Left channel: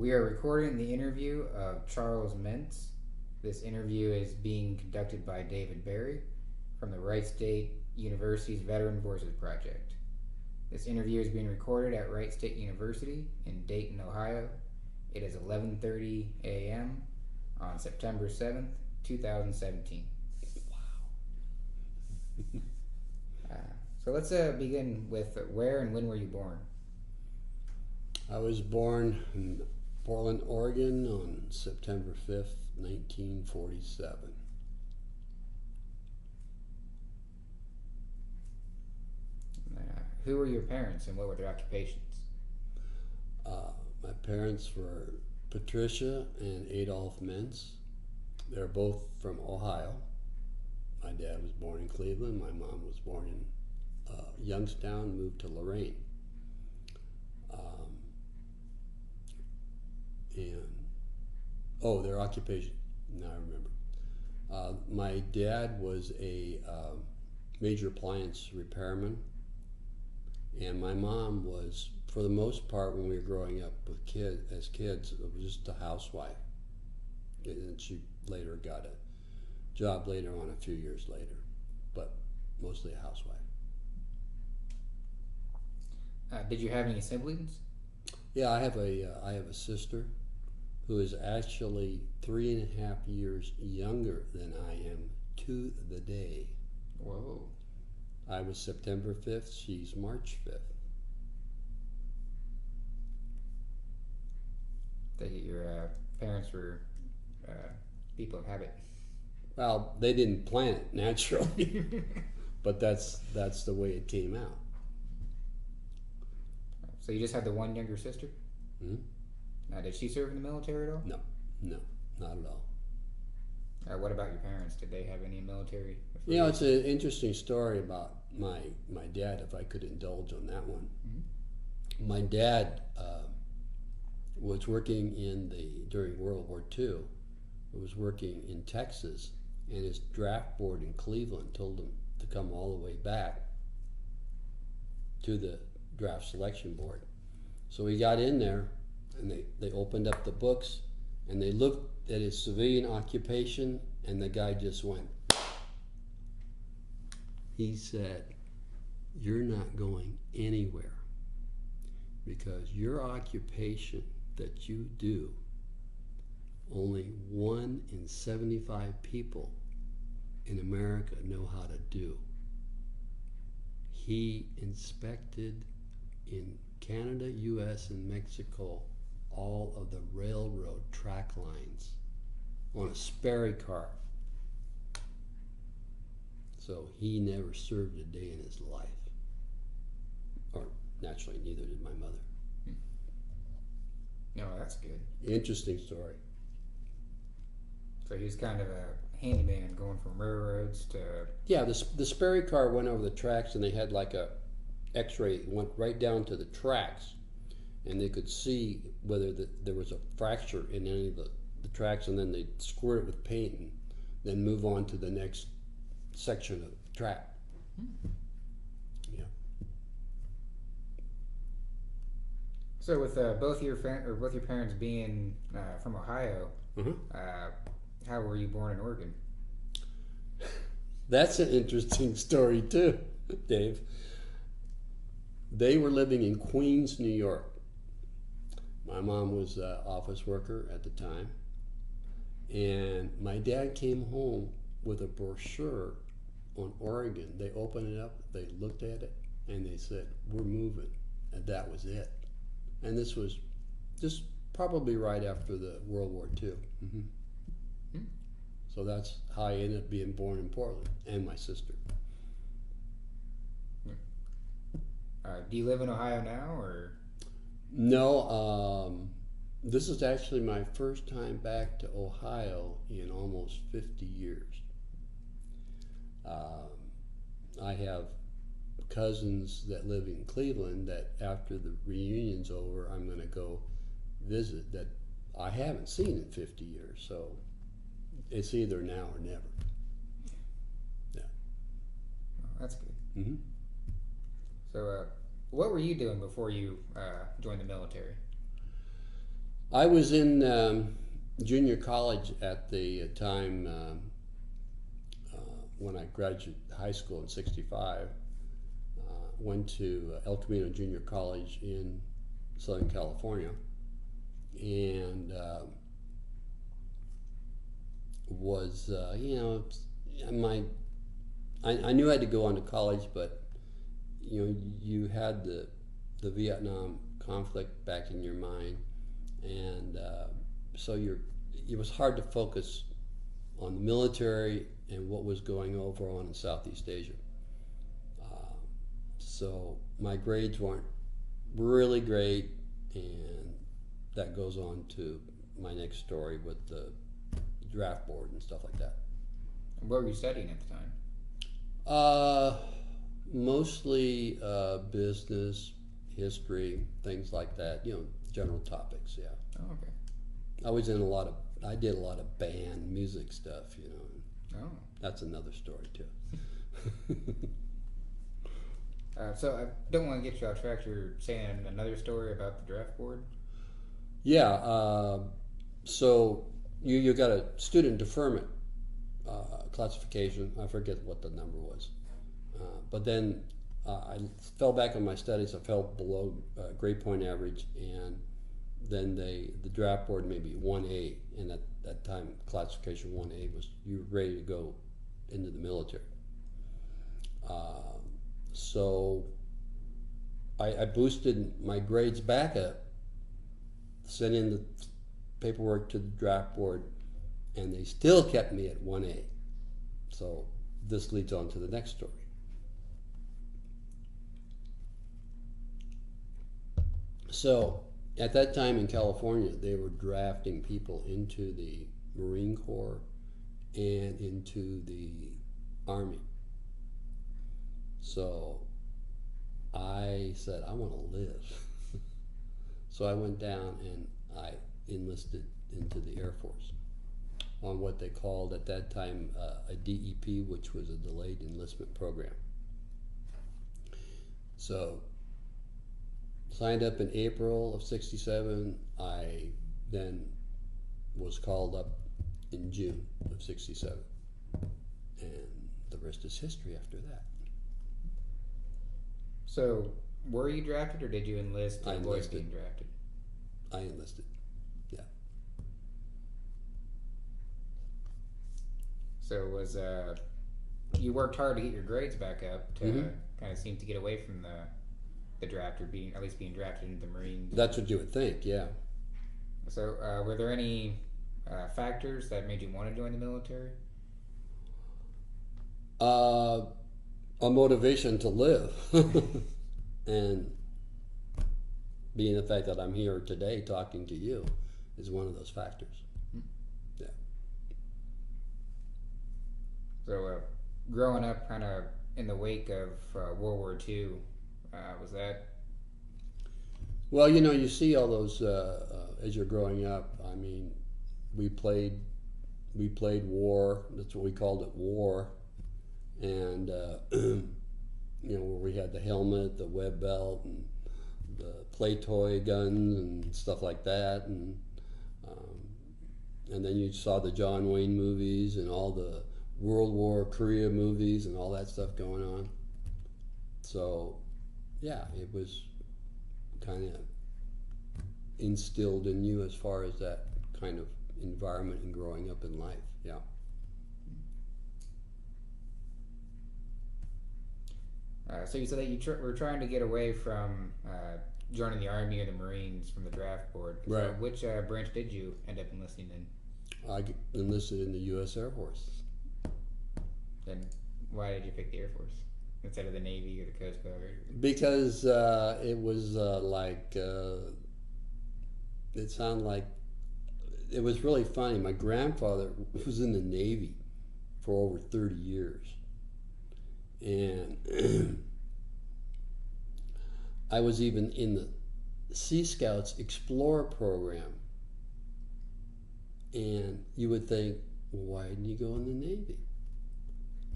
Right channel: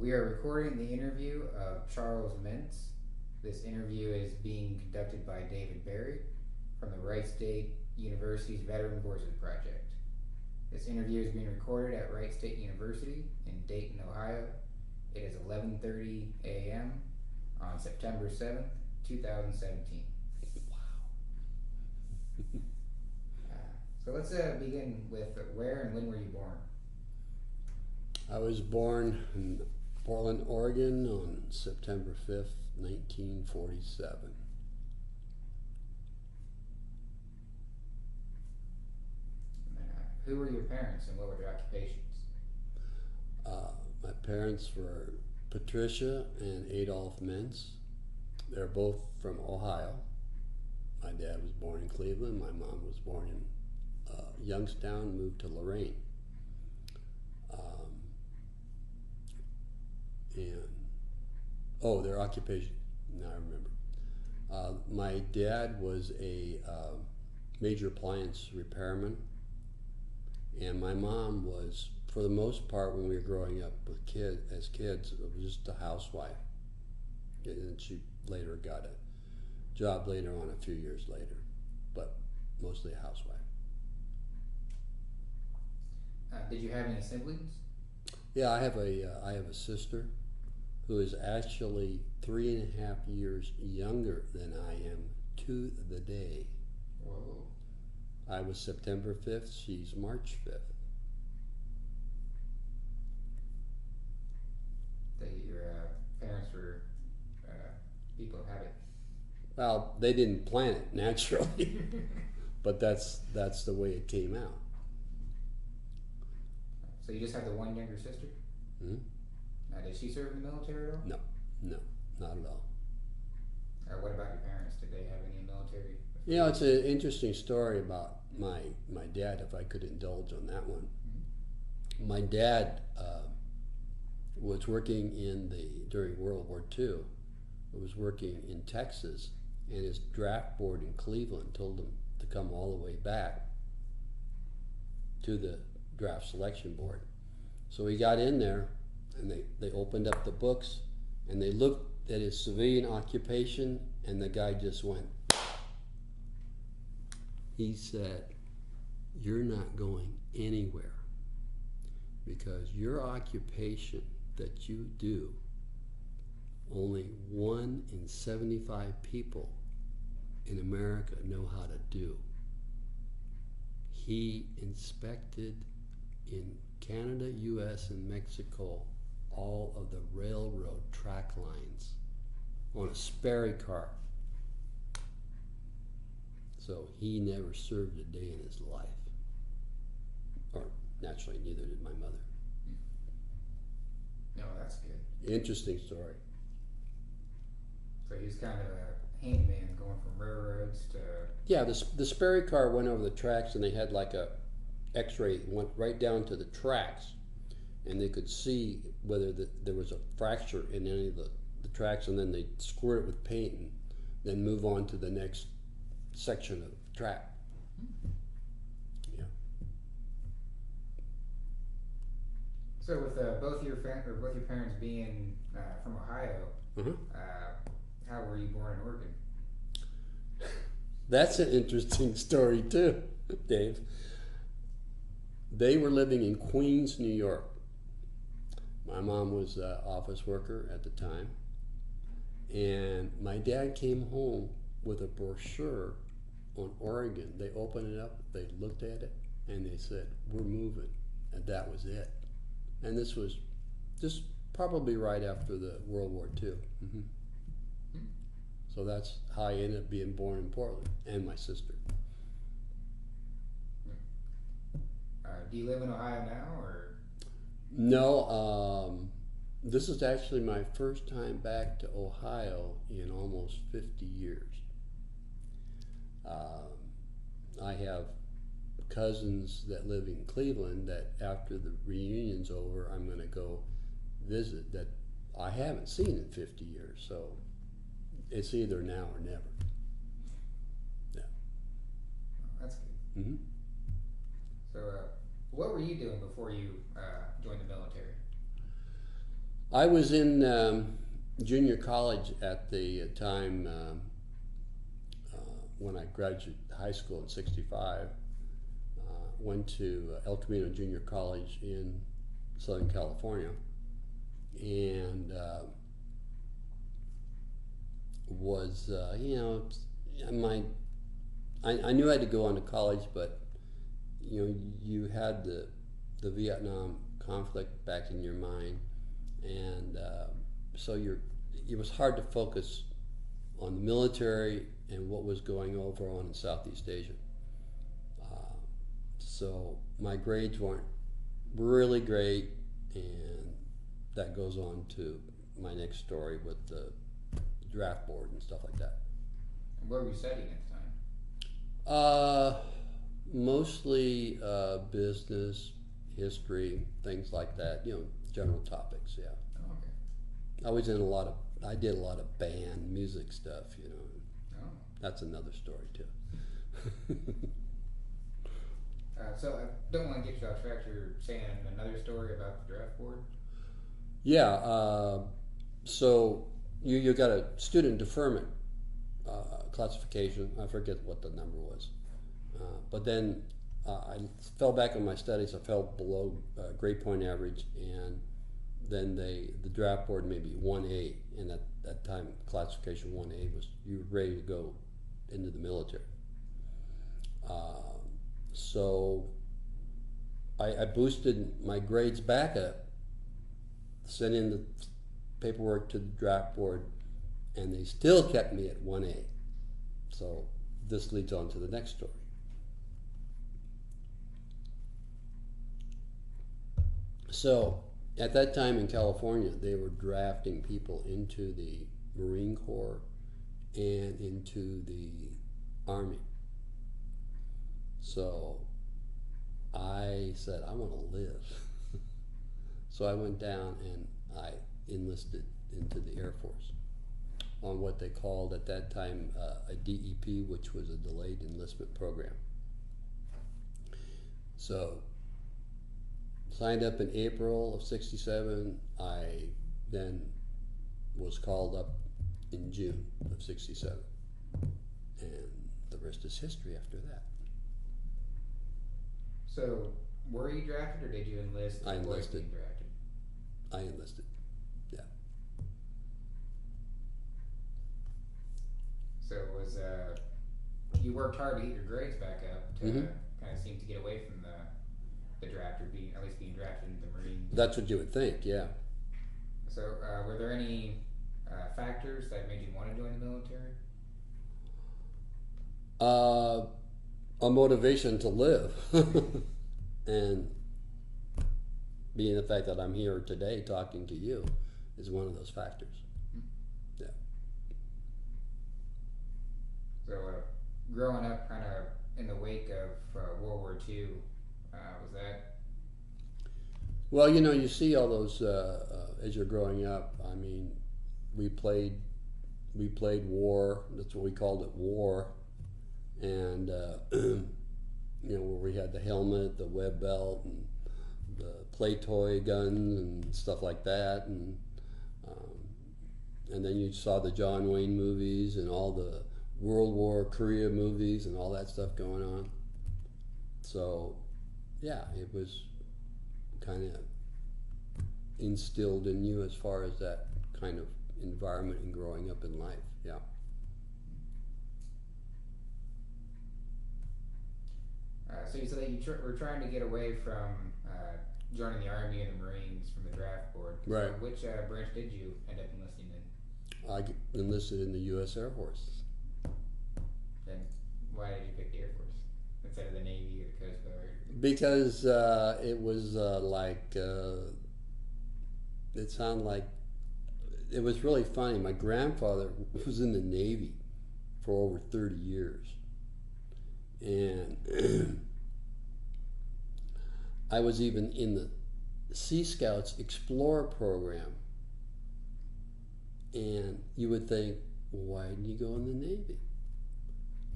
We are recording the interview of Charles Mentz. This interview is being conducted by David Barry from the Wright State University's Veteran Voices Project. This interview is being recorded at Wright State University in Dayton, Ohio. It is 11:30 a.m. on September 7th, 2017. Wow. So let's begin with where and when were you born? I was born in Portland, Oregon on September 5th, 1947. Who were your parents and what were their occupations? My parents were Patricia and Adolph Mentz. They're both from Ohio. My dad was born in Cleveland. My mom was born in Youngstown, moved to Lorraine. Their occupation, now I remember. My dad was a major appliance repairman, and my mom was, for the most part, when we were growing up with as kids, it was just a housewife. And she later got a job later on, a few years later, but mostly a housewife. Did you have any siblings? Yeah, I have a sister who is actually 3.5 years younger than I am to the day. Whoa. I was September 5th, she's March 5th. Your parents were people of habit. Well, they didn't plan it naturally, but that's the way it came out. So you just have the one younger sister? Mm-hmm. Now, did she serve in the military at all? No, not at all. What about your parents? Did they have any military? You know, it's an interesting story about my dad, if I could indulge on that one. Mm-hmm. My dad was working during World War II, was working in Texas, and his draft board in Cleveland told him to come all the way back to the draft selection board. So he got in there, and they opened up the books, and they looked at his civilian occupation, and the guy just went. He said, "You're not going anywhere because your occupation that you do, only 1 in 75 people in America know how to do." He inspected in Canada, US, and Mexico all of the railroad track lines on a Sperry car. So he never served a day in his life. Or naturally, neither did my mother. No, that's good. Interesting story. So he was kind of a handyman going from railroads to... Yeah, the Sperry car went over the tracks, and they had like a x-ray, went right down to the tracks, and they could see whether there was a fracture in any of the tracks, and then they'd squirt it with paint and then move on to the next section of the track. Yeah. So with both your parents being from Ohio, Uh-huh. How were you born in Oregon? That's an interesting story too, Dave. They were living in Queens, New York. My mom was an office worker at the time, and my dad came home with a brochure on Oregon. They opened it up, they looked at it, and they said, "We're moving," and that was it. And this was just probably right after the World War II. Mm-hmm. So that's how I ended up being born in Portland, and my sister. Do you live in Ohio now, or? No, this is actually my first time back to Ohio in almost 50 years. I have cousins that live in Cleveland that after the reunion's over, I'm going to go visit that I haven't seen in 50 years. So it's either now or never. Yeah. Oh, that's good. Mm-hmm. So what were you doing before you joined the military? I was in junior college at the time when I graduated high school in '65. Went to El Camino Junior College in Southern California, and was my I knew I had to go on to college, but you had the Vietnam conflict back in your mind, and so it was hard to focus on the military and what was going over on in Southeast Asia. So my grades weren't really great, and that goes on to my next story with the draft board and stuff like that. What were you studying at the time? Mostly business, history, things like that. General topics. Yeah. Oh, okay. I did a lot of band music stuff. Oh. That's another story too. So I don't want to get you off track. You're saying another story about the draft board? Yeah. So you got a student deferment classification. I forget what the number was. But then I fell back on my studies. I fell below grade point average, and then the draft board made me 1A, and at that time classification 1A was you were ready to go into the military. So I boosted my grades back up, sent in the paperwork to the draft board, and they still kept me at 1A. So this leads on to the next story. So at that time in California, they were drafting people into the Marine Corps and into the Army. So I said, I want to live. So I went down and I enlisted into the Air Force on what they called at that time a DEP, which was a delayed enlistment program. So signed up in April of '67. I then was called up in June of '67. And the rest is history after that. So were you drafted, or did you enlist? I enlisted. Being drafted? I enlisted, yeah. So was you worked hard to get your grades back up to kind of seem to get away from the draft, or at least being drafted into the Marines? That's what you would think, yeah. So were there any factors that made you want to join the military? A motivation to live. And being the fact that I'm here today talking to you is one of those factors. Yeah. So growing up kind of in the wake of World War II, was that? Well, you see all those as you're growing up. I mean, we played war. That's what we called it, war. And where we had the helmet, the web belt, and the play toy guns and stuff like that, and then you saw the John Wayne movies and all the World War Korea movies and all that stuff going on. So, yeah, it was kind of instilled in you as far as that kind of environment and growing up in life. Yeah. So you said that you were trying to get away from joining the Army or the Marines from the draft board. Right. So which branch did you end up enlisting in? I enlisted in the U.S. Air Force. Then why did you pick the Air Force instead of the Navy or the Coast Guard? Because it was it sounded like, it was really funny. My grandfather was in the Navy for over 30 years. And I was even in the Sea Scouts Explorer program. And you would think, why didn't you go in the Navy?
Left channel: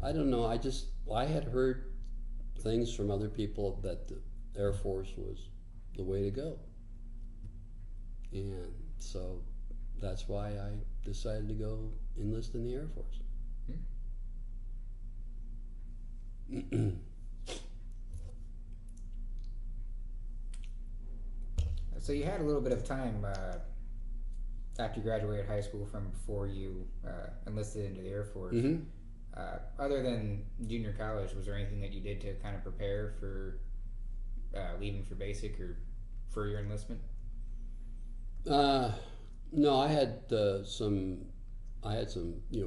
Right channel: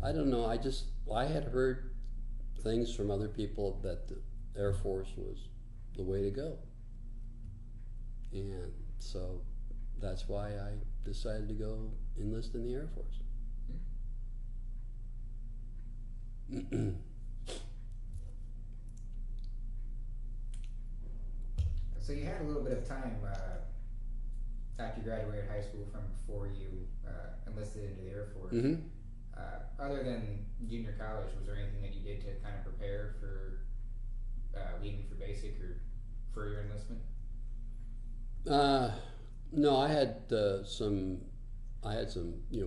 I don't know. I had heard things from other people that the Air Force was the way to go. And So that's why I decided to go enlist in the Air Force. So you had a little bit of time after you graduated high school from before you enlisted into the Air Force. Mm-hmm. Other than junior college, was there anything that you did to kind of prepare for leaving for basic or for your enlistment? No, I had some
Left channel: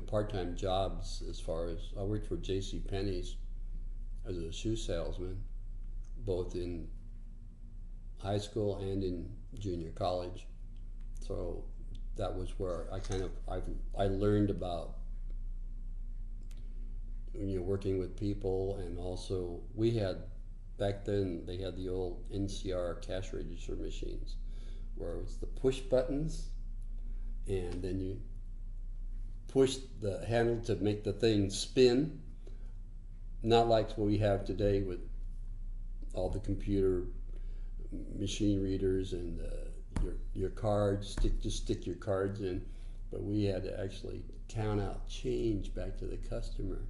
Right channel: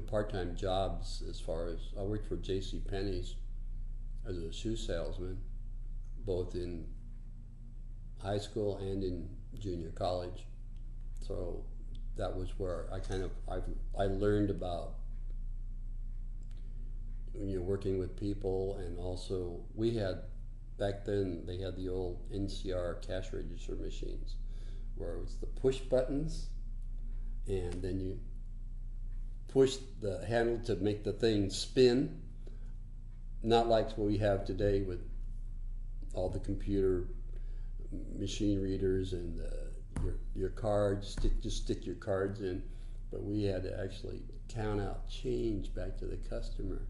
part-time jobs. As far as I worked for J.C. Penney's as a shoe salesman, both in high school and in junior college. So that was where I learned about working with people, and also we had back then they had the old NCR cash register machines where it was the push buttons, and then you push the handle to make the thing spin. Not like what we have today with all the computer machine readers and your cards. Just stick your cards in, but we had to actually count out change back to the customer.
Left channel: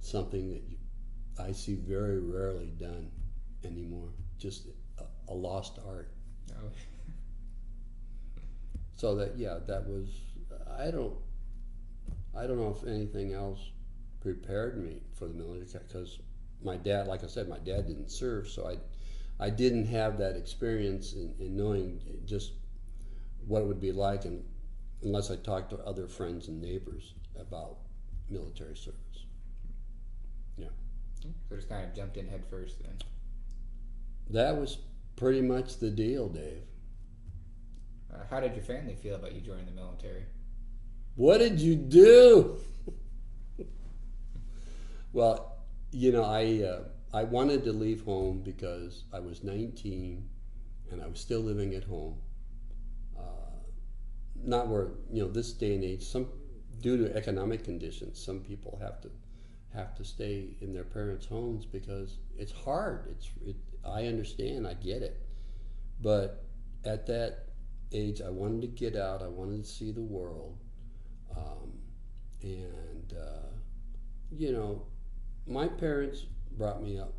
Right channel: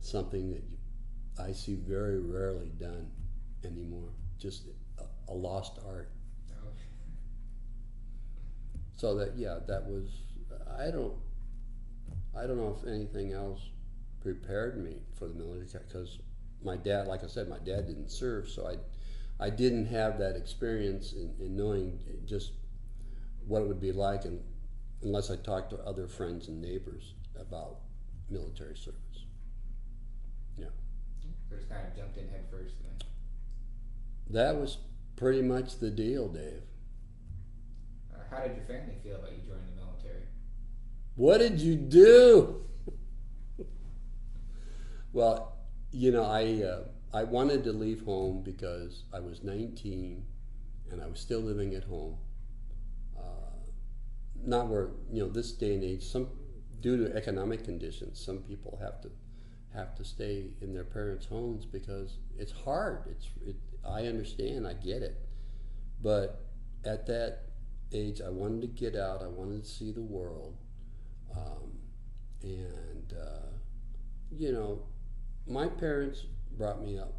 Something that I see very rarely done anymore. Just a lost art. Oh. So that was. I don't know if anything else prepared me for the military, because my dad, like I said, my dad didn't serve, so I didn't have that experience in knowing just what it would be like, and unless I talked to other friends and neighbors about military service. Yeah. So just kind of jumped in head first then. That was pretty much the deal, Dave. How did your family feel about you joining the military? What did you do? Well, I wanted to leave home because I was 19 and I was still living at home. Not where, this day and age, due to economic conditions, some people have to stay in their parents' homes because it's hard. I understand, I get it. But at that age, I wanted to get out, I wanted to see the world. My parents brought me up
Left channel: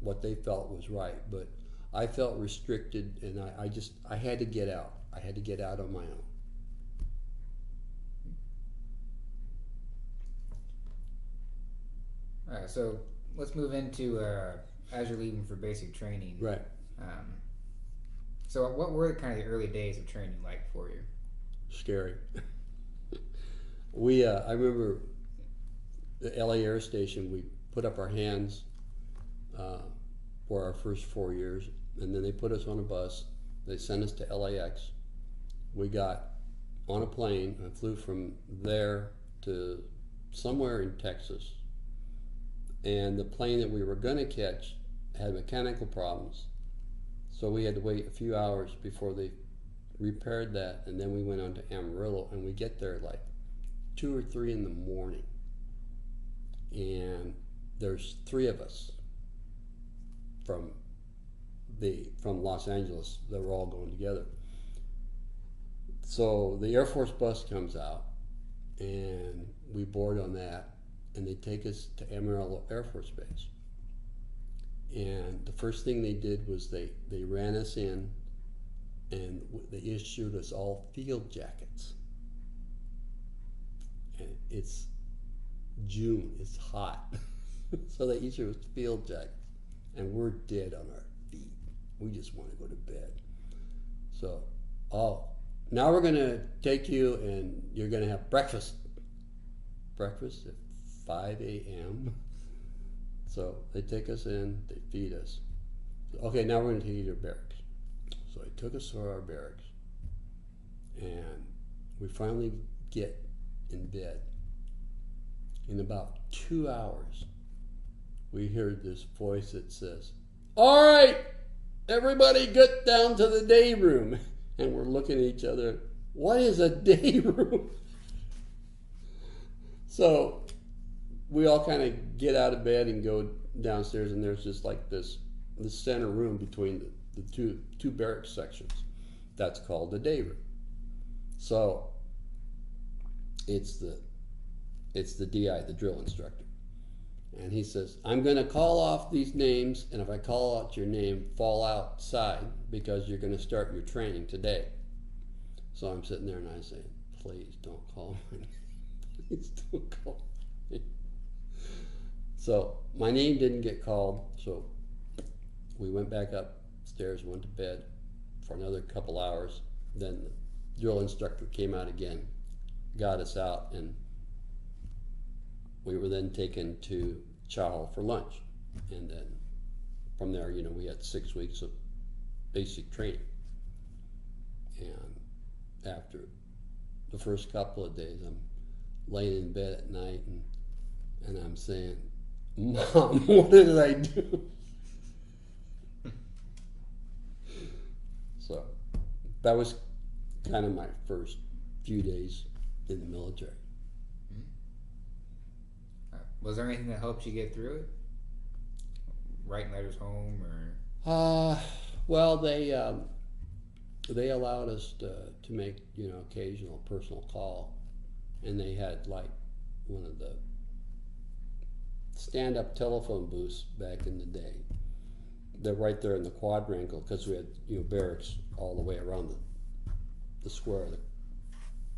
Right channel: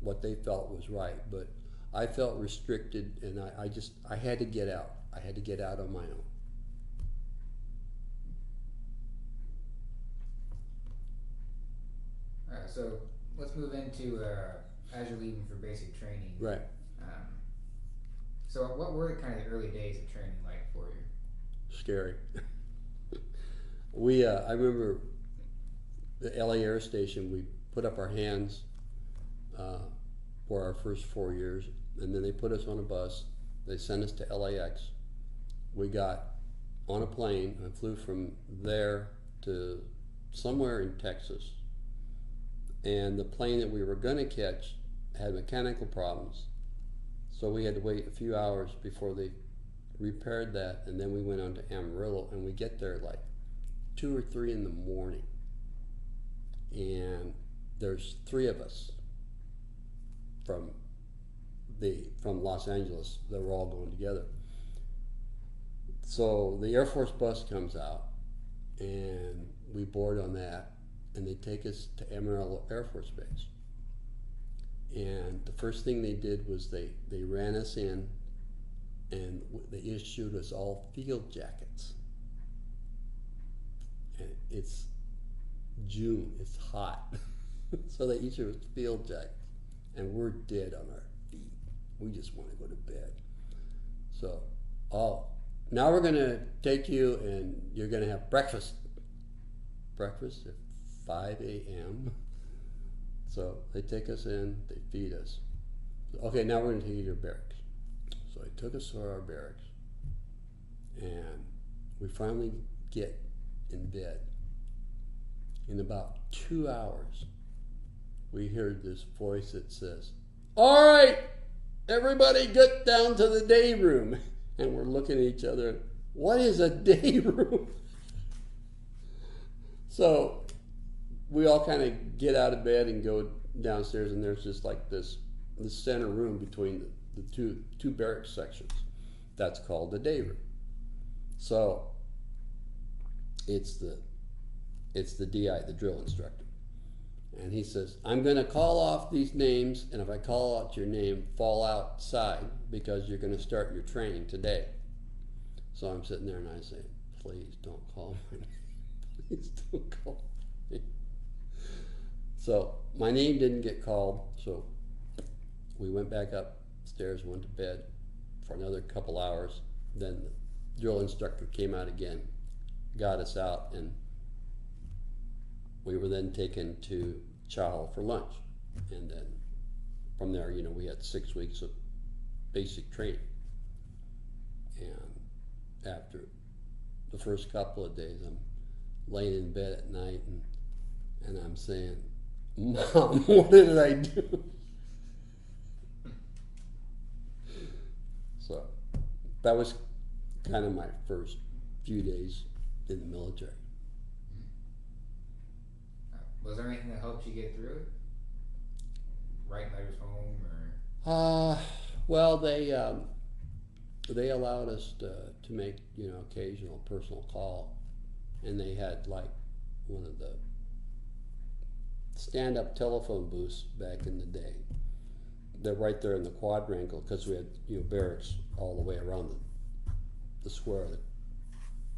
what they felt was right, but I felt restricted, and I had to get out. I had to get out on my own. So let's move into as you're leaving for basic training. Right. So what were kind of the early days of training like for you? Scary. I remember the LA Air Station, we put up our hands for our first 4 years, and then they put us on a bus. They sent us to LAX. We got on a plane and flew from there to somewhere in Texas. And the plane that we were going to catch had mechanical problems. So we had to wait a few hours before they repaired that, and then we went on to Amarillo, and we get there like 2 or 3 in the morning. And there's 3 of us from Los Angeles that were all going together. So the Air Force bus comes out, and we board on that, and they take us to Amarillo Air Force Base. And the first thing they did was they ran us in, and they issued us all field jackets. And it's June, it's hot. So they issued us field jackets, and we're dead on our feet. We just want to go to bed. So, now we're going to take you, and you're going to have breakfast. Breakfast at 5 a.m. So they take us in, they feed us. So, okay, now we're going to take you to barracks. So they took us to our barracks, and we finally get in bed. In about 2 hours, we heard this voice that says, "All right, everybody get down to the day room." And we're looking at each other, what is a day room? So we all kind of get out of bed and go downstairs, and there's just like this center room between the two barracks sections. That's called the day room. So it's the DI, the drill instructor. And he says, I'm going to call off these names, and if I call out your name, fall outside because you're going to start your training today. So I'm sitting there and I say, please don't call my name. Please don't call my name. So my name didn't get called, so we went back upstairs, went to bed for another couple hours. Then the drill instructor came out again, got us out, and we were then taken to chow hall for lunch. And then from there, we had 6 weeks of basic training. And after the first couple of days, I'm laying in bed at night and I'm saying, Mom, what did I do? So that was kind of my first few days in the military. Was there anything that helped you get through it? Writing letters home, or? Well, they allowed us to make occasional personal call, and they had like one of the stand-up telephone booths back in the day. They're right there in the quadrangle because we had barracks all the way around the square,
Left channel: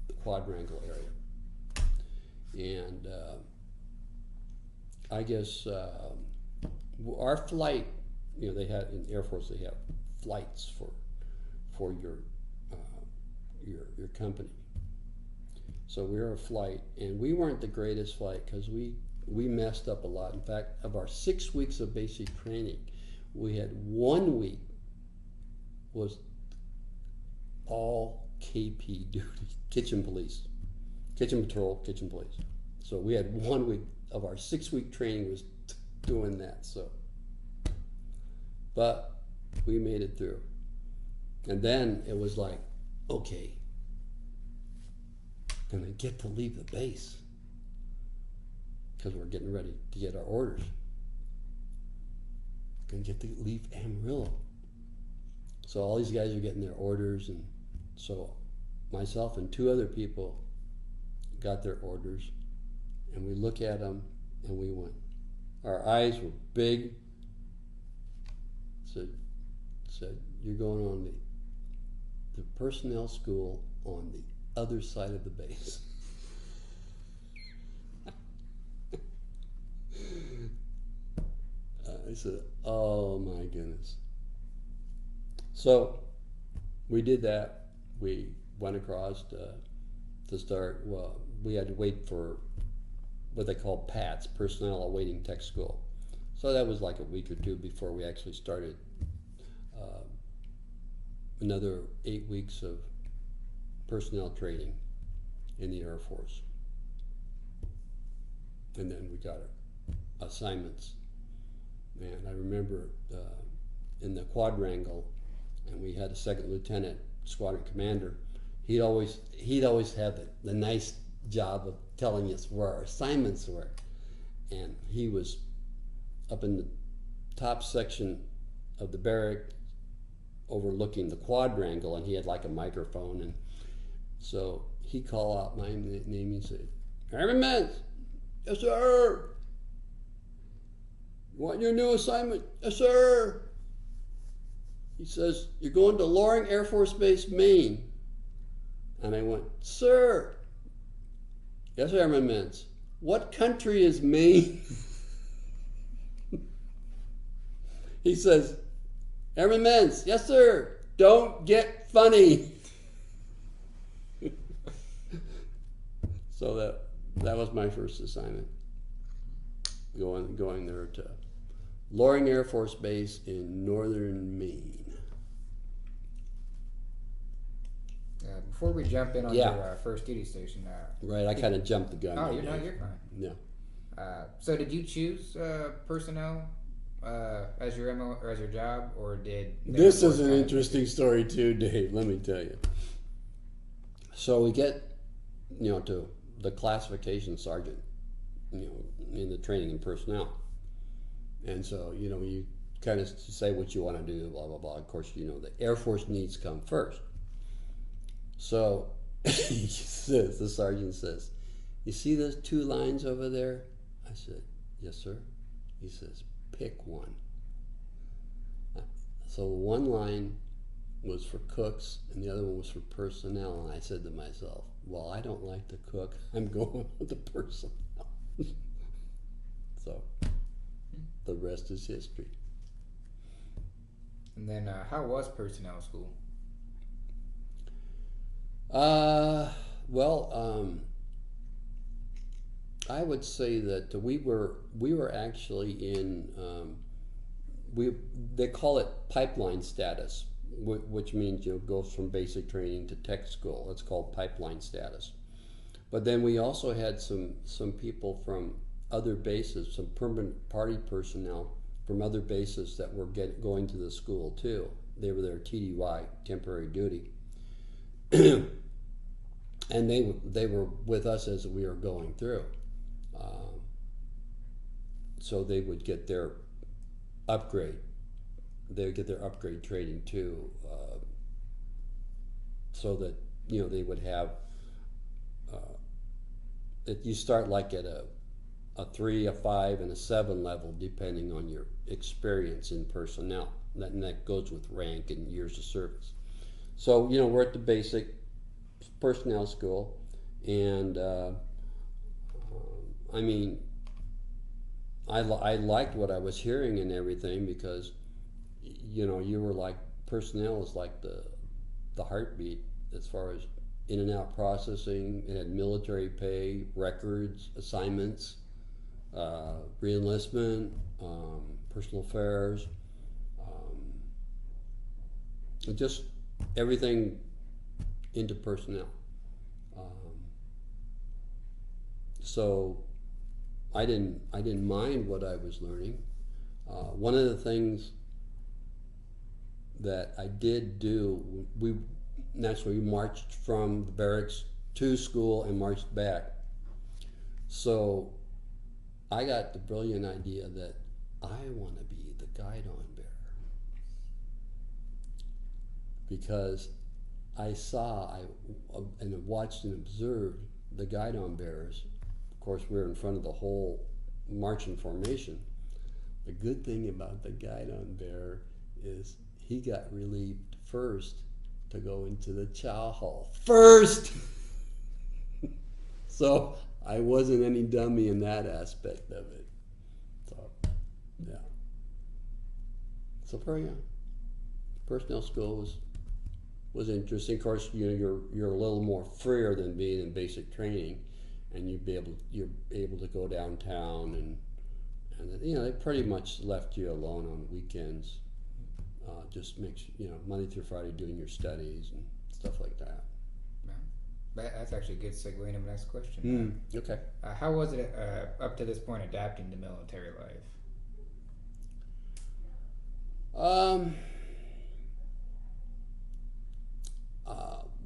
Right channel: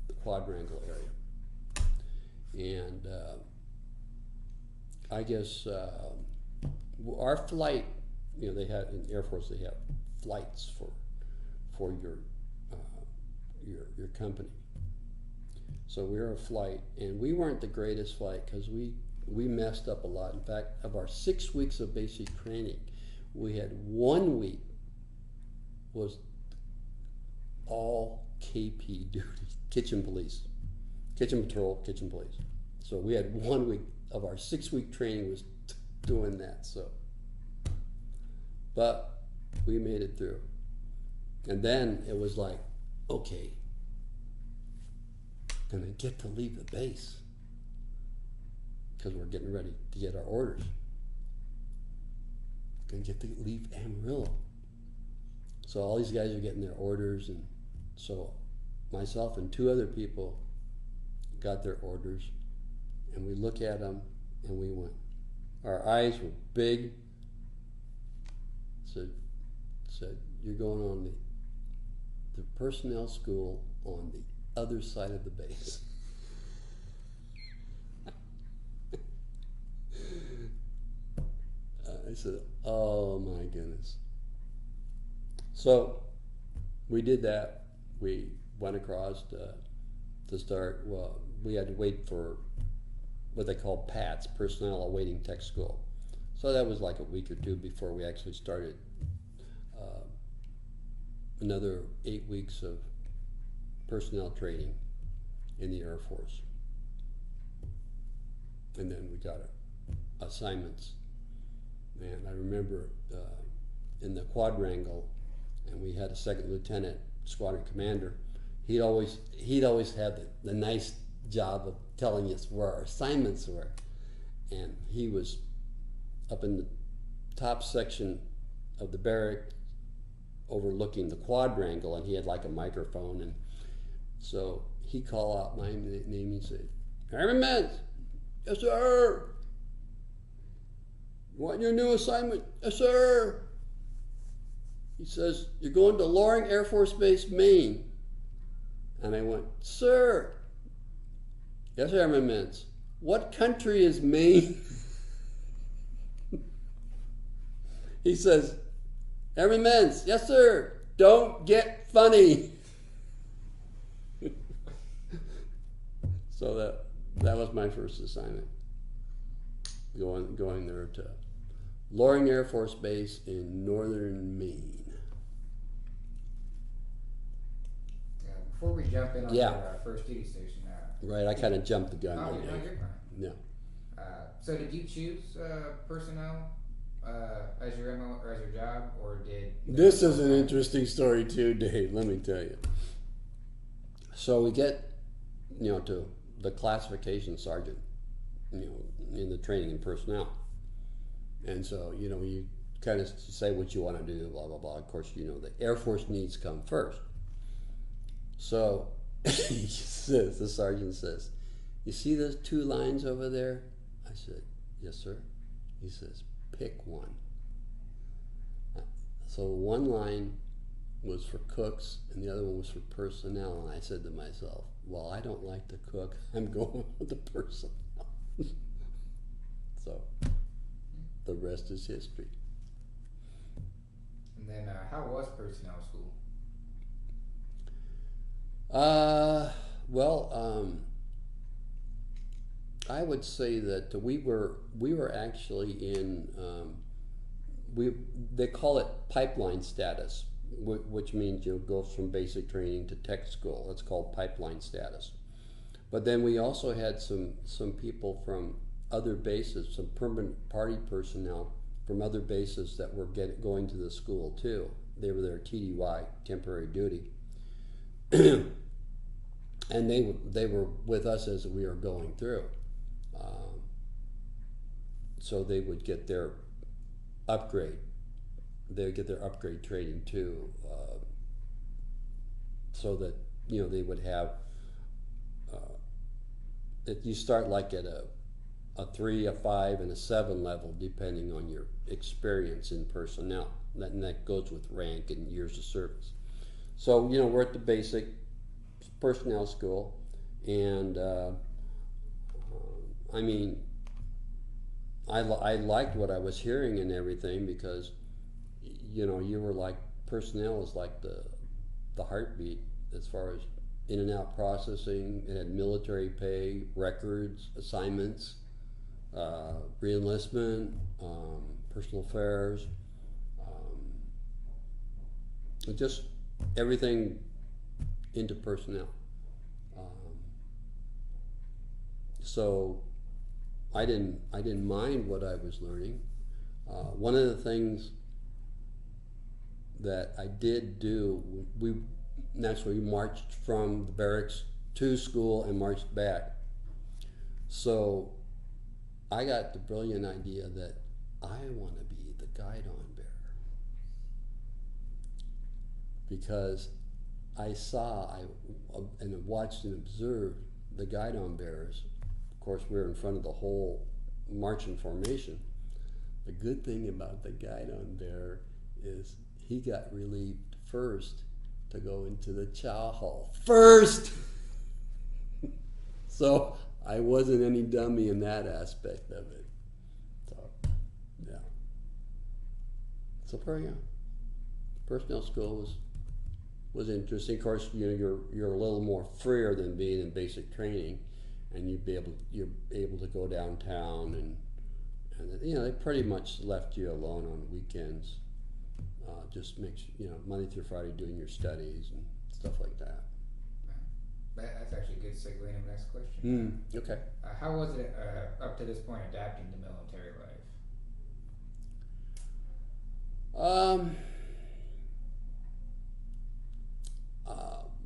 the quadrangle area, and I guess our flight, they had in the Air Force, they have flights for your company. So we were a flight, and we weren't the greatest flight because we messed up a lot. In fact, of our 6 weeks of basic training, we had 1 week was all KP duty, kitchen police, kitchen patrol, kitchen police. So we had 1 week of our 6 week training was doing that. So, but we made it through. And then it was like, okay, gonna get to leave the base because we're getting ready to get our orders. Gonna get to leave Amarillo. So all these guys are getting their orders, and so myself and 2 other people got their orders, and we look at them and we went, our eyes were big, said you're going on the personnel school on the other side of the base. I said, oh my goodness. So we did that. We went across to start, well, we had to wait for what they call PATS, Personnel Awaiting Tech School. So that was like a week or 2 before we actually started another 8 weeks of personnel training in the Air Force. And then we got assignments. And I remember in the quadrangle, and we had a second lieutenant, squadron commander. He'd always have the nice job of telling us where our assignments were. And he was up in the top section of the barrack overlooking the quadrangle, and he had like a microphone. And so he called out my name. He said, Airman Mentz. Yes, sir. You want your new assignment? Yes, sir. He says, you're going to Loring Air Force Base, Maine. And I went, sir. Yes, Airman Mentz. What country is Maine? He says, Airman Mentz, yes, sir. Don't get funny. So that was my first assignment. Going there to Loring Air Force Base in northern Maine. Before we jump in on your first duty station, right, I kind of jumped the gun. Oh, you're fine. Yeah. So did you choose personnel as your MO or as your job, or did? This is an interesting story too, Dave. Let me tell you. So we get, to the classification sergeant, in the training and personnel, and so you kind of say what you want to do, blah blah blah. Of course, the Air Force needs come first. So He says, the sergeant says, "You see those two lines over there?" I said, "Yes, sir." He says, "Pick one." So one line was for cooks and the other one was for personnel. And I said to myself, well, I don't like to cook. I'm going with the personnel. So the rest is history. And then, how was personnel school? Well, I would say that we were actually in they call it pipeline status, which means goes from basic training to tech school. It's called pipeline status. But then we also had some people from other bases, some permanent party personnel from other bases that were going to the school too. They were there TDY, temporary duty, and they were with us as we were going through. So they would get their upgrade. They would get their upgrade training too, so that they would have. You start like at a 3, a 5, and a 7 level, depending on your experience in personnel. And that goes with rank and years of service. So we're at the basic personnel school, and I mean, I liked what I was hearing and everything, because you were like, personnel is like the heartbeat as far as in and out processing. It had military pay, records, assignments, re-enlistment, personal affairs, just everything into personnel. So I didn't mind what I was learning. One of the things that I did do, we marched from the barracks to school and marched back. So I got the brilliant idea that I want to be the guidon bearer, because I saw and watched and observed the guidon bearers. Of course, we were in front of the whole marching formation. The good thing about the guidon bearer is he got relieved first to go into the chow hall first. So I wasn't any dummy in that aspect of it. So, yeah. So very young. Personnel school was interesting. Of course, you're a little more freer than being in basic training, and you're able to go downtown, and they pretty much left you alone on weekends. Just makes Monday through Friday doing your studies and stuff like that. That's actually a good segue into my next question. Okay. How was it up to this point adapting to military life?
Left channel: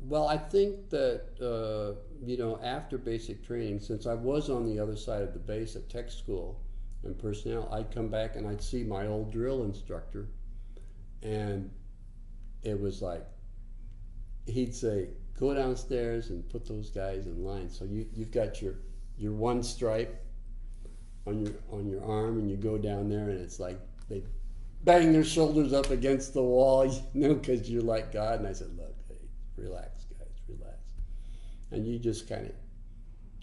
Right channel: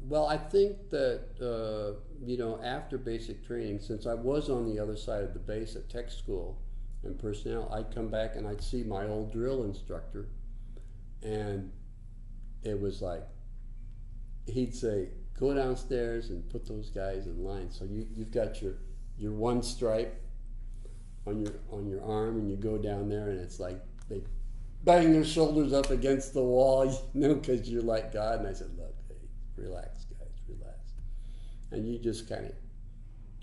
Well, I think that after basic training, since I was on the other side of the base at tech school and personnel, I'd come back and I'd see my old drill instructor, and it was like he'd say, "Go downstairs and put those guys in line." So you've got your one stripe on your arm, and you go down there, and it's like they bang their shoulders up against the wall, because you're like God. And I said, "Look, hey, relax, guys, relax." And you just kind of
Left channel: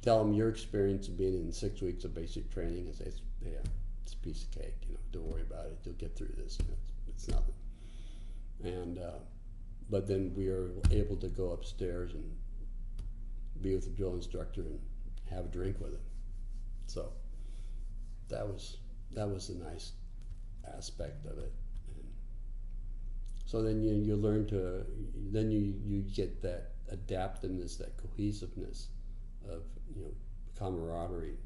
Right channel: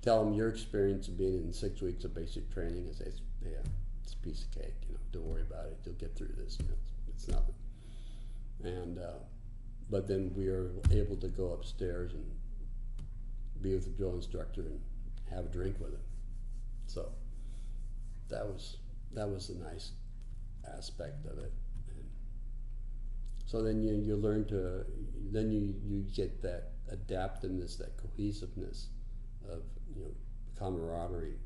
tell them your experience of being in 6 weeks of basic training, and say, it's a piece of cake. Don't worry about it. You'll get through this. It's nothing. And but then we were able to go upstairs and be with the drill instructor and have a drink with him. So that was a nice aspect of it. And so then you learn to, then you get that adaptiveness, that cohesiveness of camaraderie,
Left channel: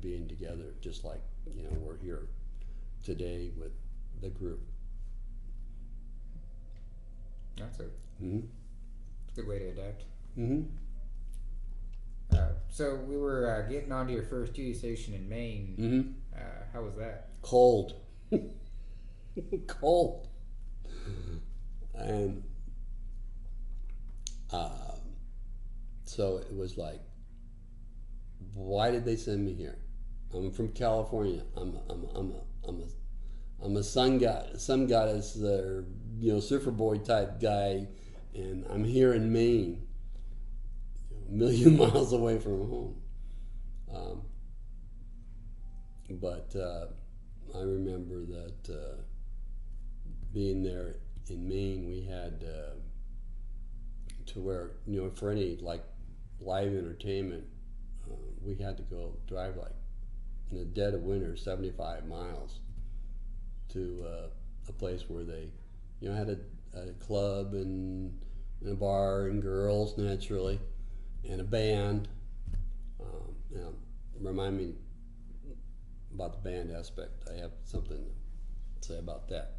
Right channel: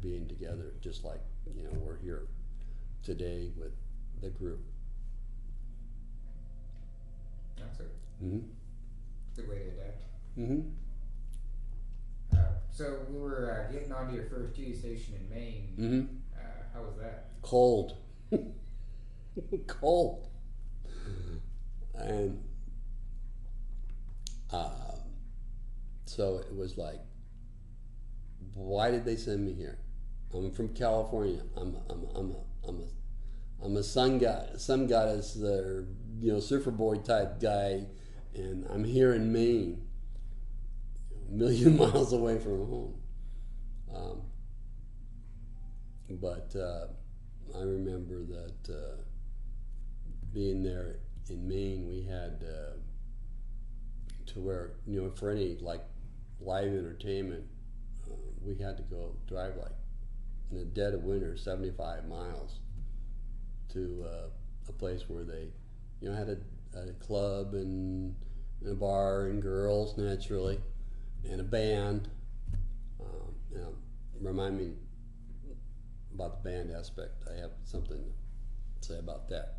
being together, just like we're here today with the group. That's a Mm-hmm. good way to adapt. Mm-hmm. So we were getting onto your first duty station in Maine. Mm-hmm. How was that? Cold. Cold. And So it was like, why did they send me here? I'm from California. I'm a sun goddess, surfer boy type guy, and I'm here in Maine, a million miles away from home. Um, but I remember that being there in Maine, we had to where, for any like live entertainment, we had to go drive like in the dead of winter 75 miles to a place where they had a club and a bar and girls naturally and a band. Remind me about the band aspect. I have something to say about that.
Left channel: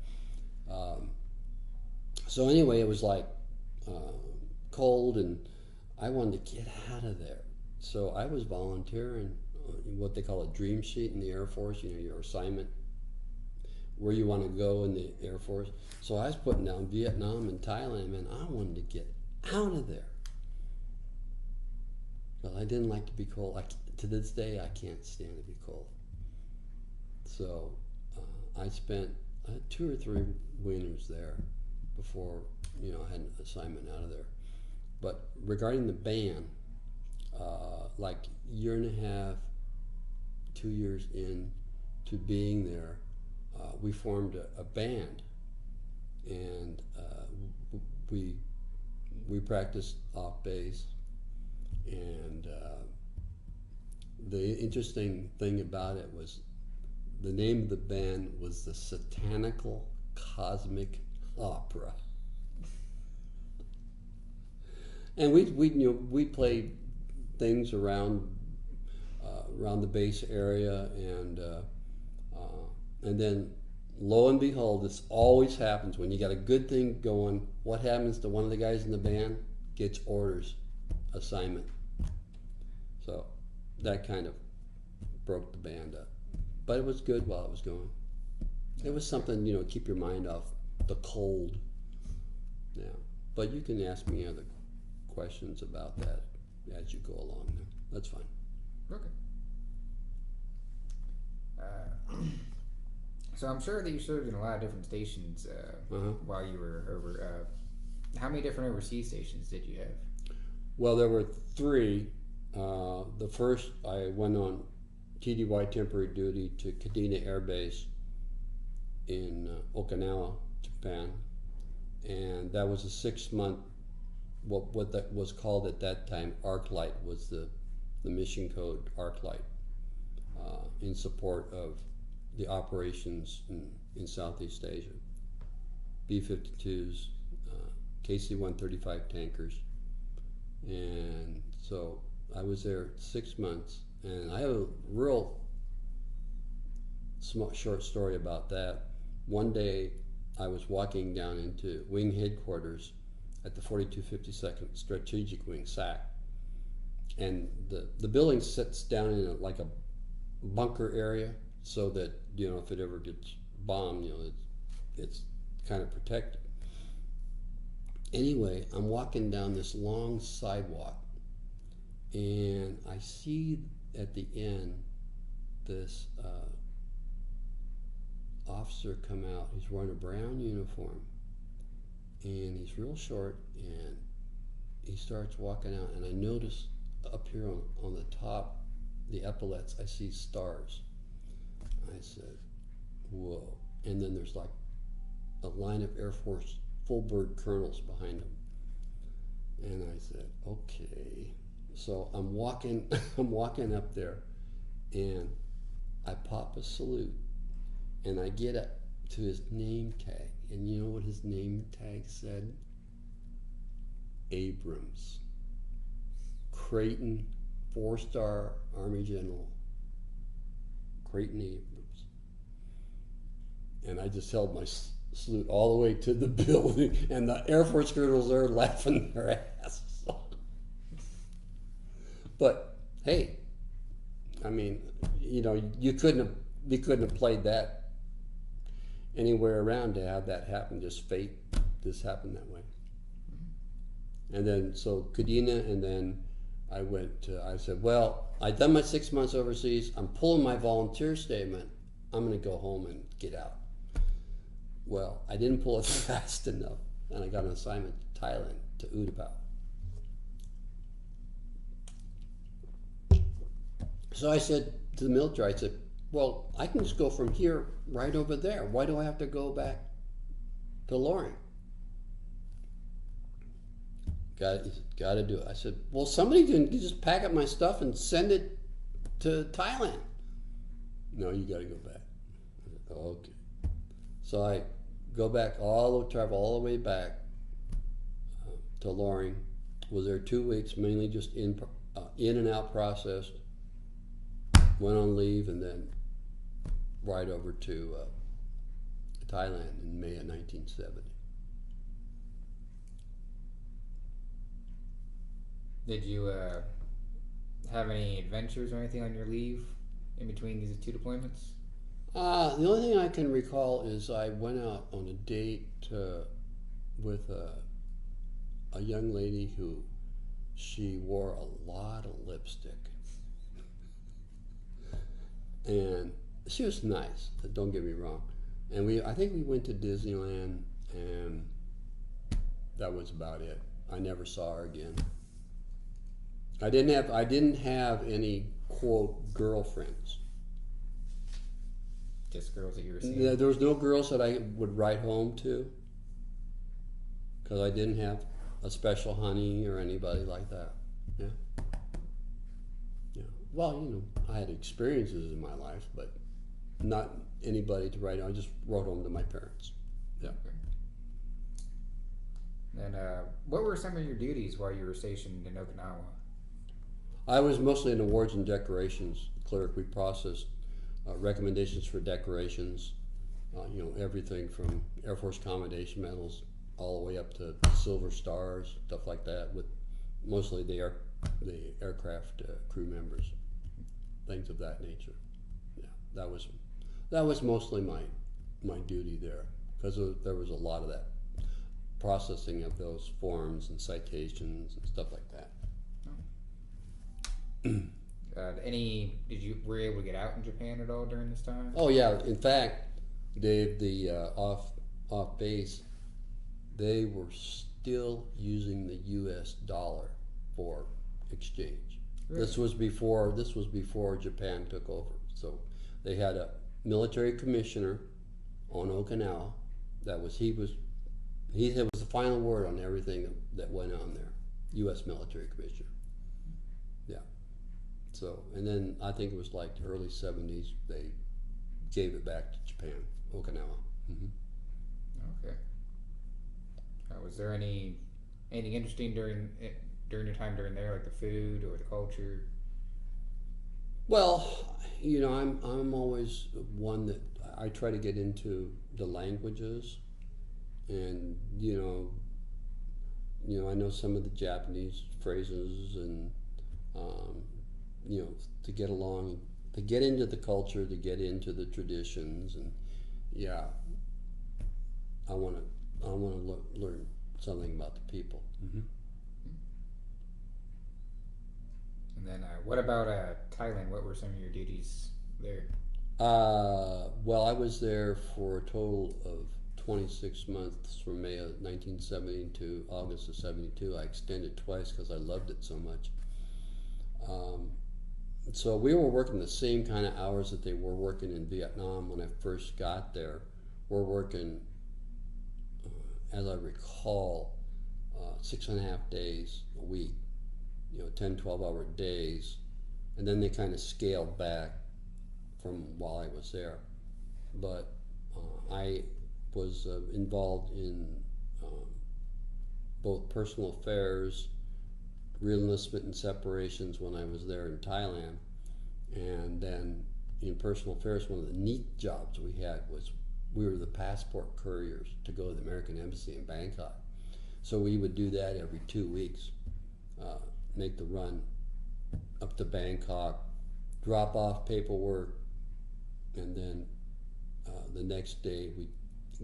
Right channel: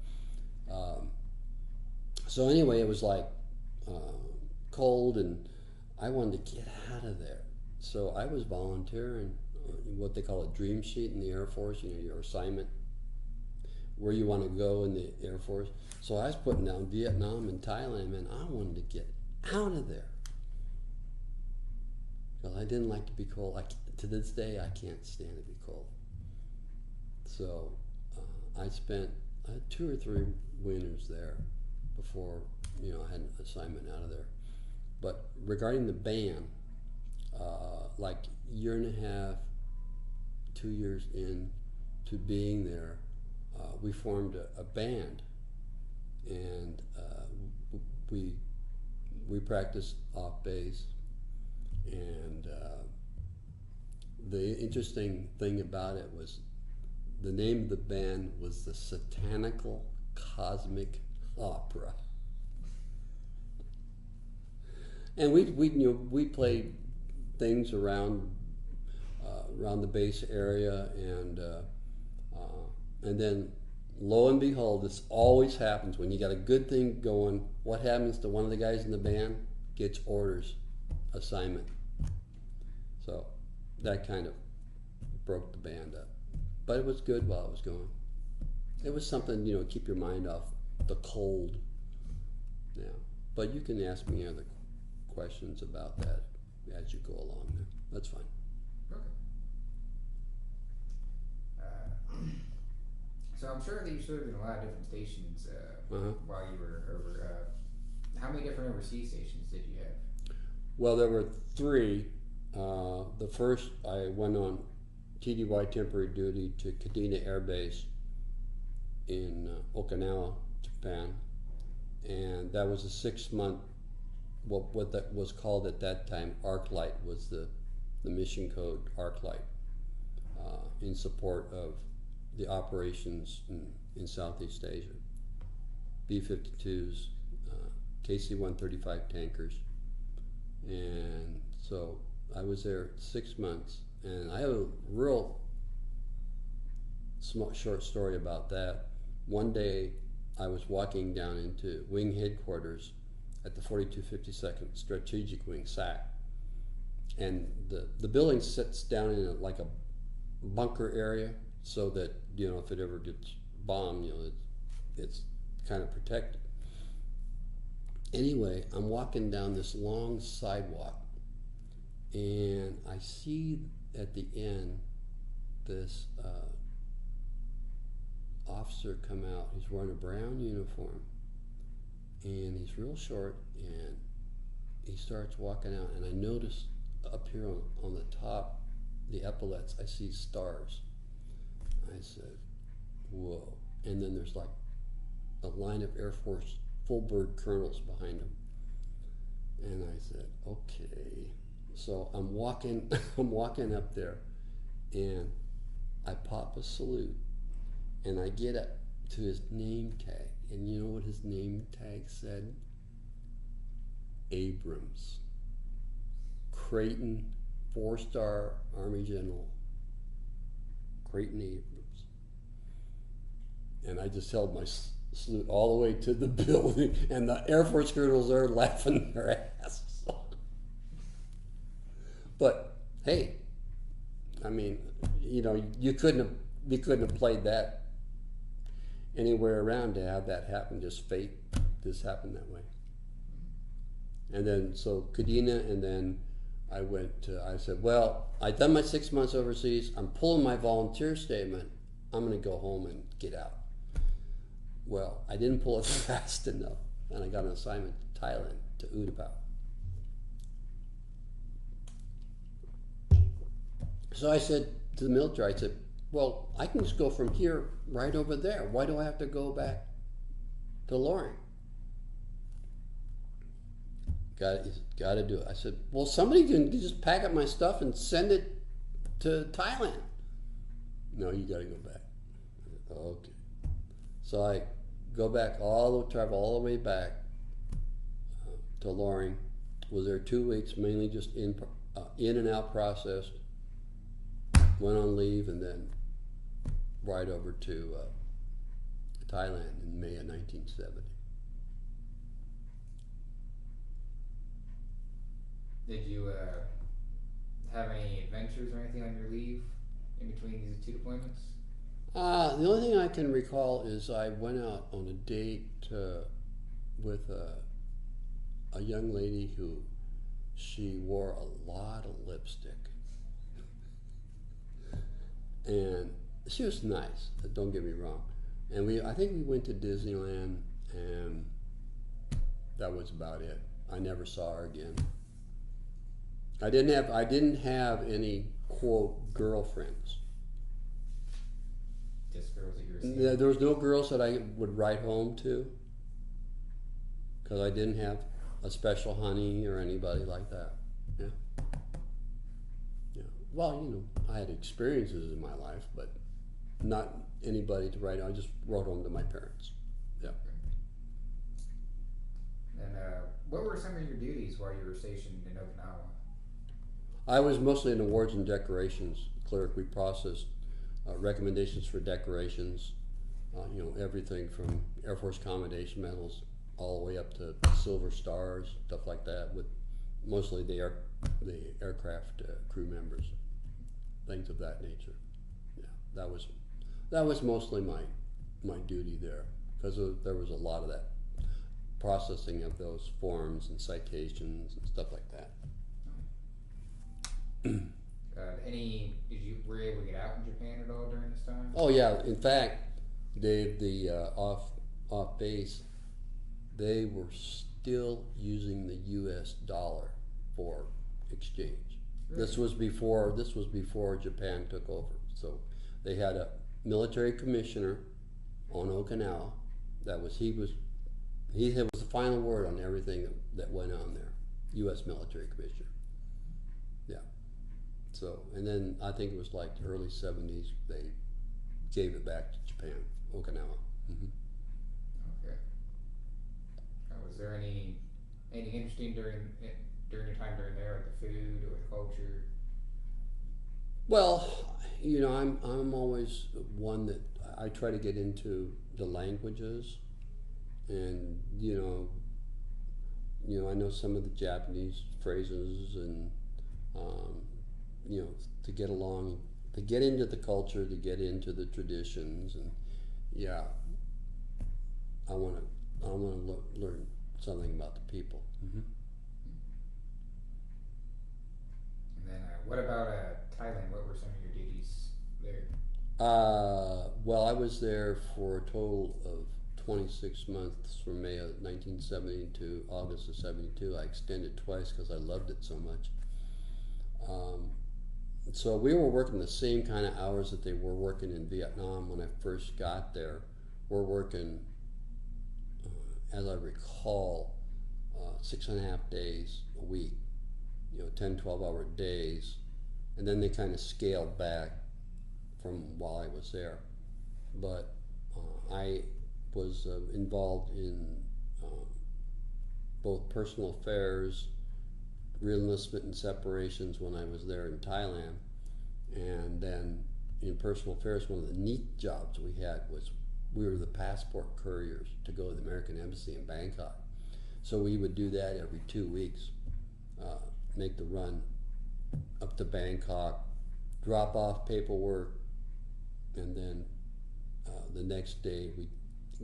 So anyway, it was like cold, and I wanted to get out of there. So I was volunteering what they call a dream sheet in the Air Force, your assignment, where you want to go in the Air Force. So I was putting down Vietnam and Thailand, man. I wanted to get out of there. Well, I didn't like to be cold. To this day, I can't stand to be cold. So I spent 2 or 3 winters there before, I had an assignment out of there. But regarding the band, like year and a half, 2 years into being there, we formed a band, and we practiced off bass. And the interesting thing about it was the name of the band was the Satanical Cosmic Opera. And we played things around the base area, and then lo and behold, this always happens when you got a good thing going. What happens to one of the guys in the band? Gets orders, assignment. So that kind of broke the band up, but it was good while it was going. It was something, keep your mind off the cold. Yeah, but you can ask me other questions about that as you go along there. That's fine. Okay. So I'm sure that you served in a lot of different stations while you were over. How many different overseas stations did you have? Well, there were 3. The first, I went on TDY temporary duty to Kadena Air Base in Okinawa, Japan, and that was a 6-month. What that was called at that time, ArcLight, was the mission code ArcLight, in support of the operations in Southeast Asia. B-52s, KC-135 tankers, and so I was there 6 months, and I have a real short story about that. One day, I was walking down into wing headquarters at the 4252nd Strategic Wing, SAC, and the building sits down in like a bunker area, so that if it ever gets bombed, it's kind of protected. Anyway, I'm walking down this long sidewalk, and I see at the end this officer come out. He's wearing a brown uniform, and he's real short, and he starts walking out, and I notice up here on the top, the epaulets, I see stars. I said, whoa. And then there's like a line of Air Force full bird colonels behind him. And I said, okay. So I'm walking up there, and I pop a salute, and I get up to his name tag. And you know what his name tag said? Abrams. Creighton, 4-star Army General. Creighton Abrams. And I just held my salute all the way to the building, and the Air Force colonels there laughing their asses off. But hey, I mean, you couldn't have played that anywhere around to have that happen. Just fate, just happened that way. And then so Kadena, and then I said, well, I've done my 6 months overseas. I'm pulling my volunteer statement. I'm going to go home and get out. Well, I didn't pull it fast enough, and I got an assignment to Thailand, to Utapao. So I said to the military, I said, well, I can just go from here right over there. Why do I have to go back to Loring? Got to do it. I said, well, somebody can just pack up my stuff and send it to Thailand. No, you got to go back. I said, oh, okay. So I go back, travel all the way back to Loring. Was there 2 weeks, mainly just in and out processed. Went on leave and then right over to Thailand in May of 1970. Did you have any adventures or anything on your leave in between these 2 deployments? The only thing I can recall is I went out on a date with a young lady who she wore a lot of lipstick. And she was nice, don't get me wrong. And I think we went to Disneyland, and that was about it. I never saw her again. I didn't have any, quote, girlfriends. Just girls that you were seeing? There was no girls that I would write home to, because I didn't have a special honey or anybody like that. Yeah. Yeah. Well, I had experiences in my life, but not anybody to write. I just wrote home to my parents. Yeah. Okay. And what were some of your duties while you were stationed in Okinawa? I was mostly an awards and decorations clerk. We processed recommendations for decorations, everything from Air Force Commendation Medals all the way up to Silver Stars, stuff like that, with mostly the aircraft crew members, things of that nature. Yeah, that was mostly my duty there, because there was a lot of that processing of those forms and citations and stuff like that. Were you able to get out in Japan at all during this time? Oh yeah, in fact, Dave, the off base, they were still using the U.S. dollar for exchange. Really? This was before Japan took over. So they had a military commissioner on Okinawa. He was the final word on everything that went on there. U.S. military commissioner. Yeah. So, and then I think it was like the early 70s, they gave it back to Japan, Okinawa. Mm-hmm. Okay. Was there anything interesting during your time during there, like the food or the culture? Well, I'm always one that I try to get into the languages, and I know some of the Japanese phrases, and to get along, to get into the culture, to get into the traditions, and yeah, I want to learn something about the people. Mm-hmm. And then, what about Thailand? What were some of your duties there? Well, I was there for a total of 26 months, from May of 1970 to August of 72. I extended twice because I loved it so much. So we were working the same kind of hours that they were working in Vietnam when I first got there. We're working, as I recall, 6.5 days a week, 10, 12-hour days, and then they kind of scaled back from while I was there. But I was involved in both personal affairs, reenlistment and separations when I was there in Thailand, and then in personal affairs, one of the neat jobs we had was we were the passport couriers to go to the American Embassy in Bangkok. So we would do that every 2 weeks, make the run up to Bangkok, drop off paperwork, and then the next day we'd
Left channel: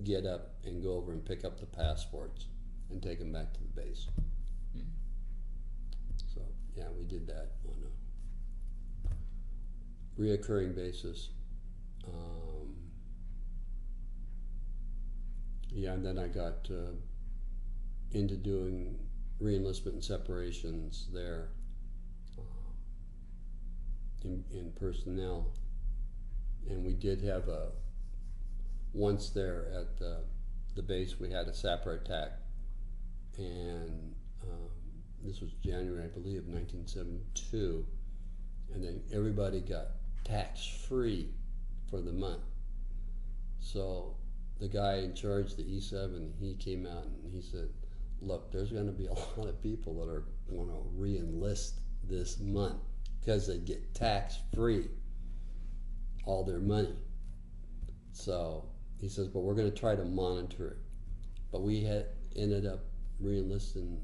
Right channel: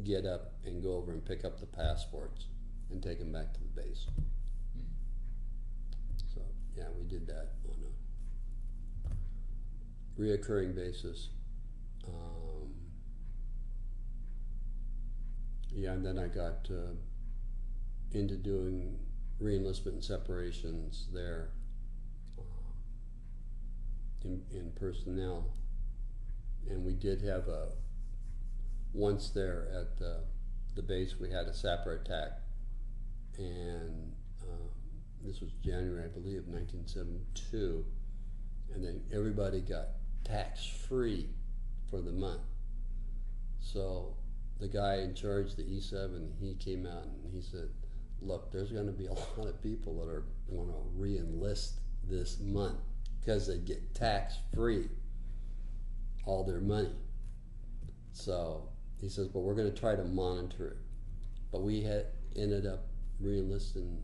get up and go over and pick up the passports and take them back to the base. So Yeah, we did that on a reoccurring basis. Yeah, and then I got into doing reenlistment and separations there in personnel. And we did have once there at the base, we had a sapper attack. And this was January, I believe, of 1972. And then everybody got tax-free for the month. So the guy in charge, the E7, he came out and he said, look, there's going to be a lot of people that are going to re-enlist this month because they get tax-free all their money. So he says, but we're going to try to monitor it. But we had ended up re-enlisting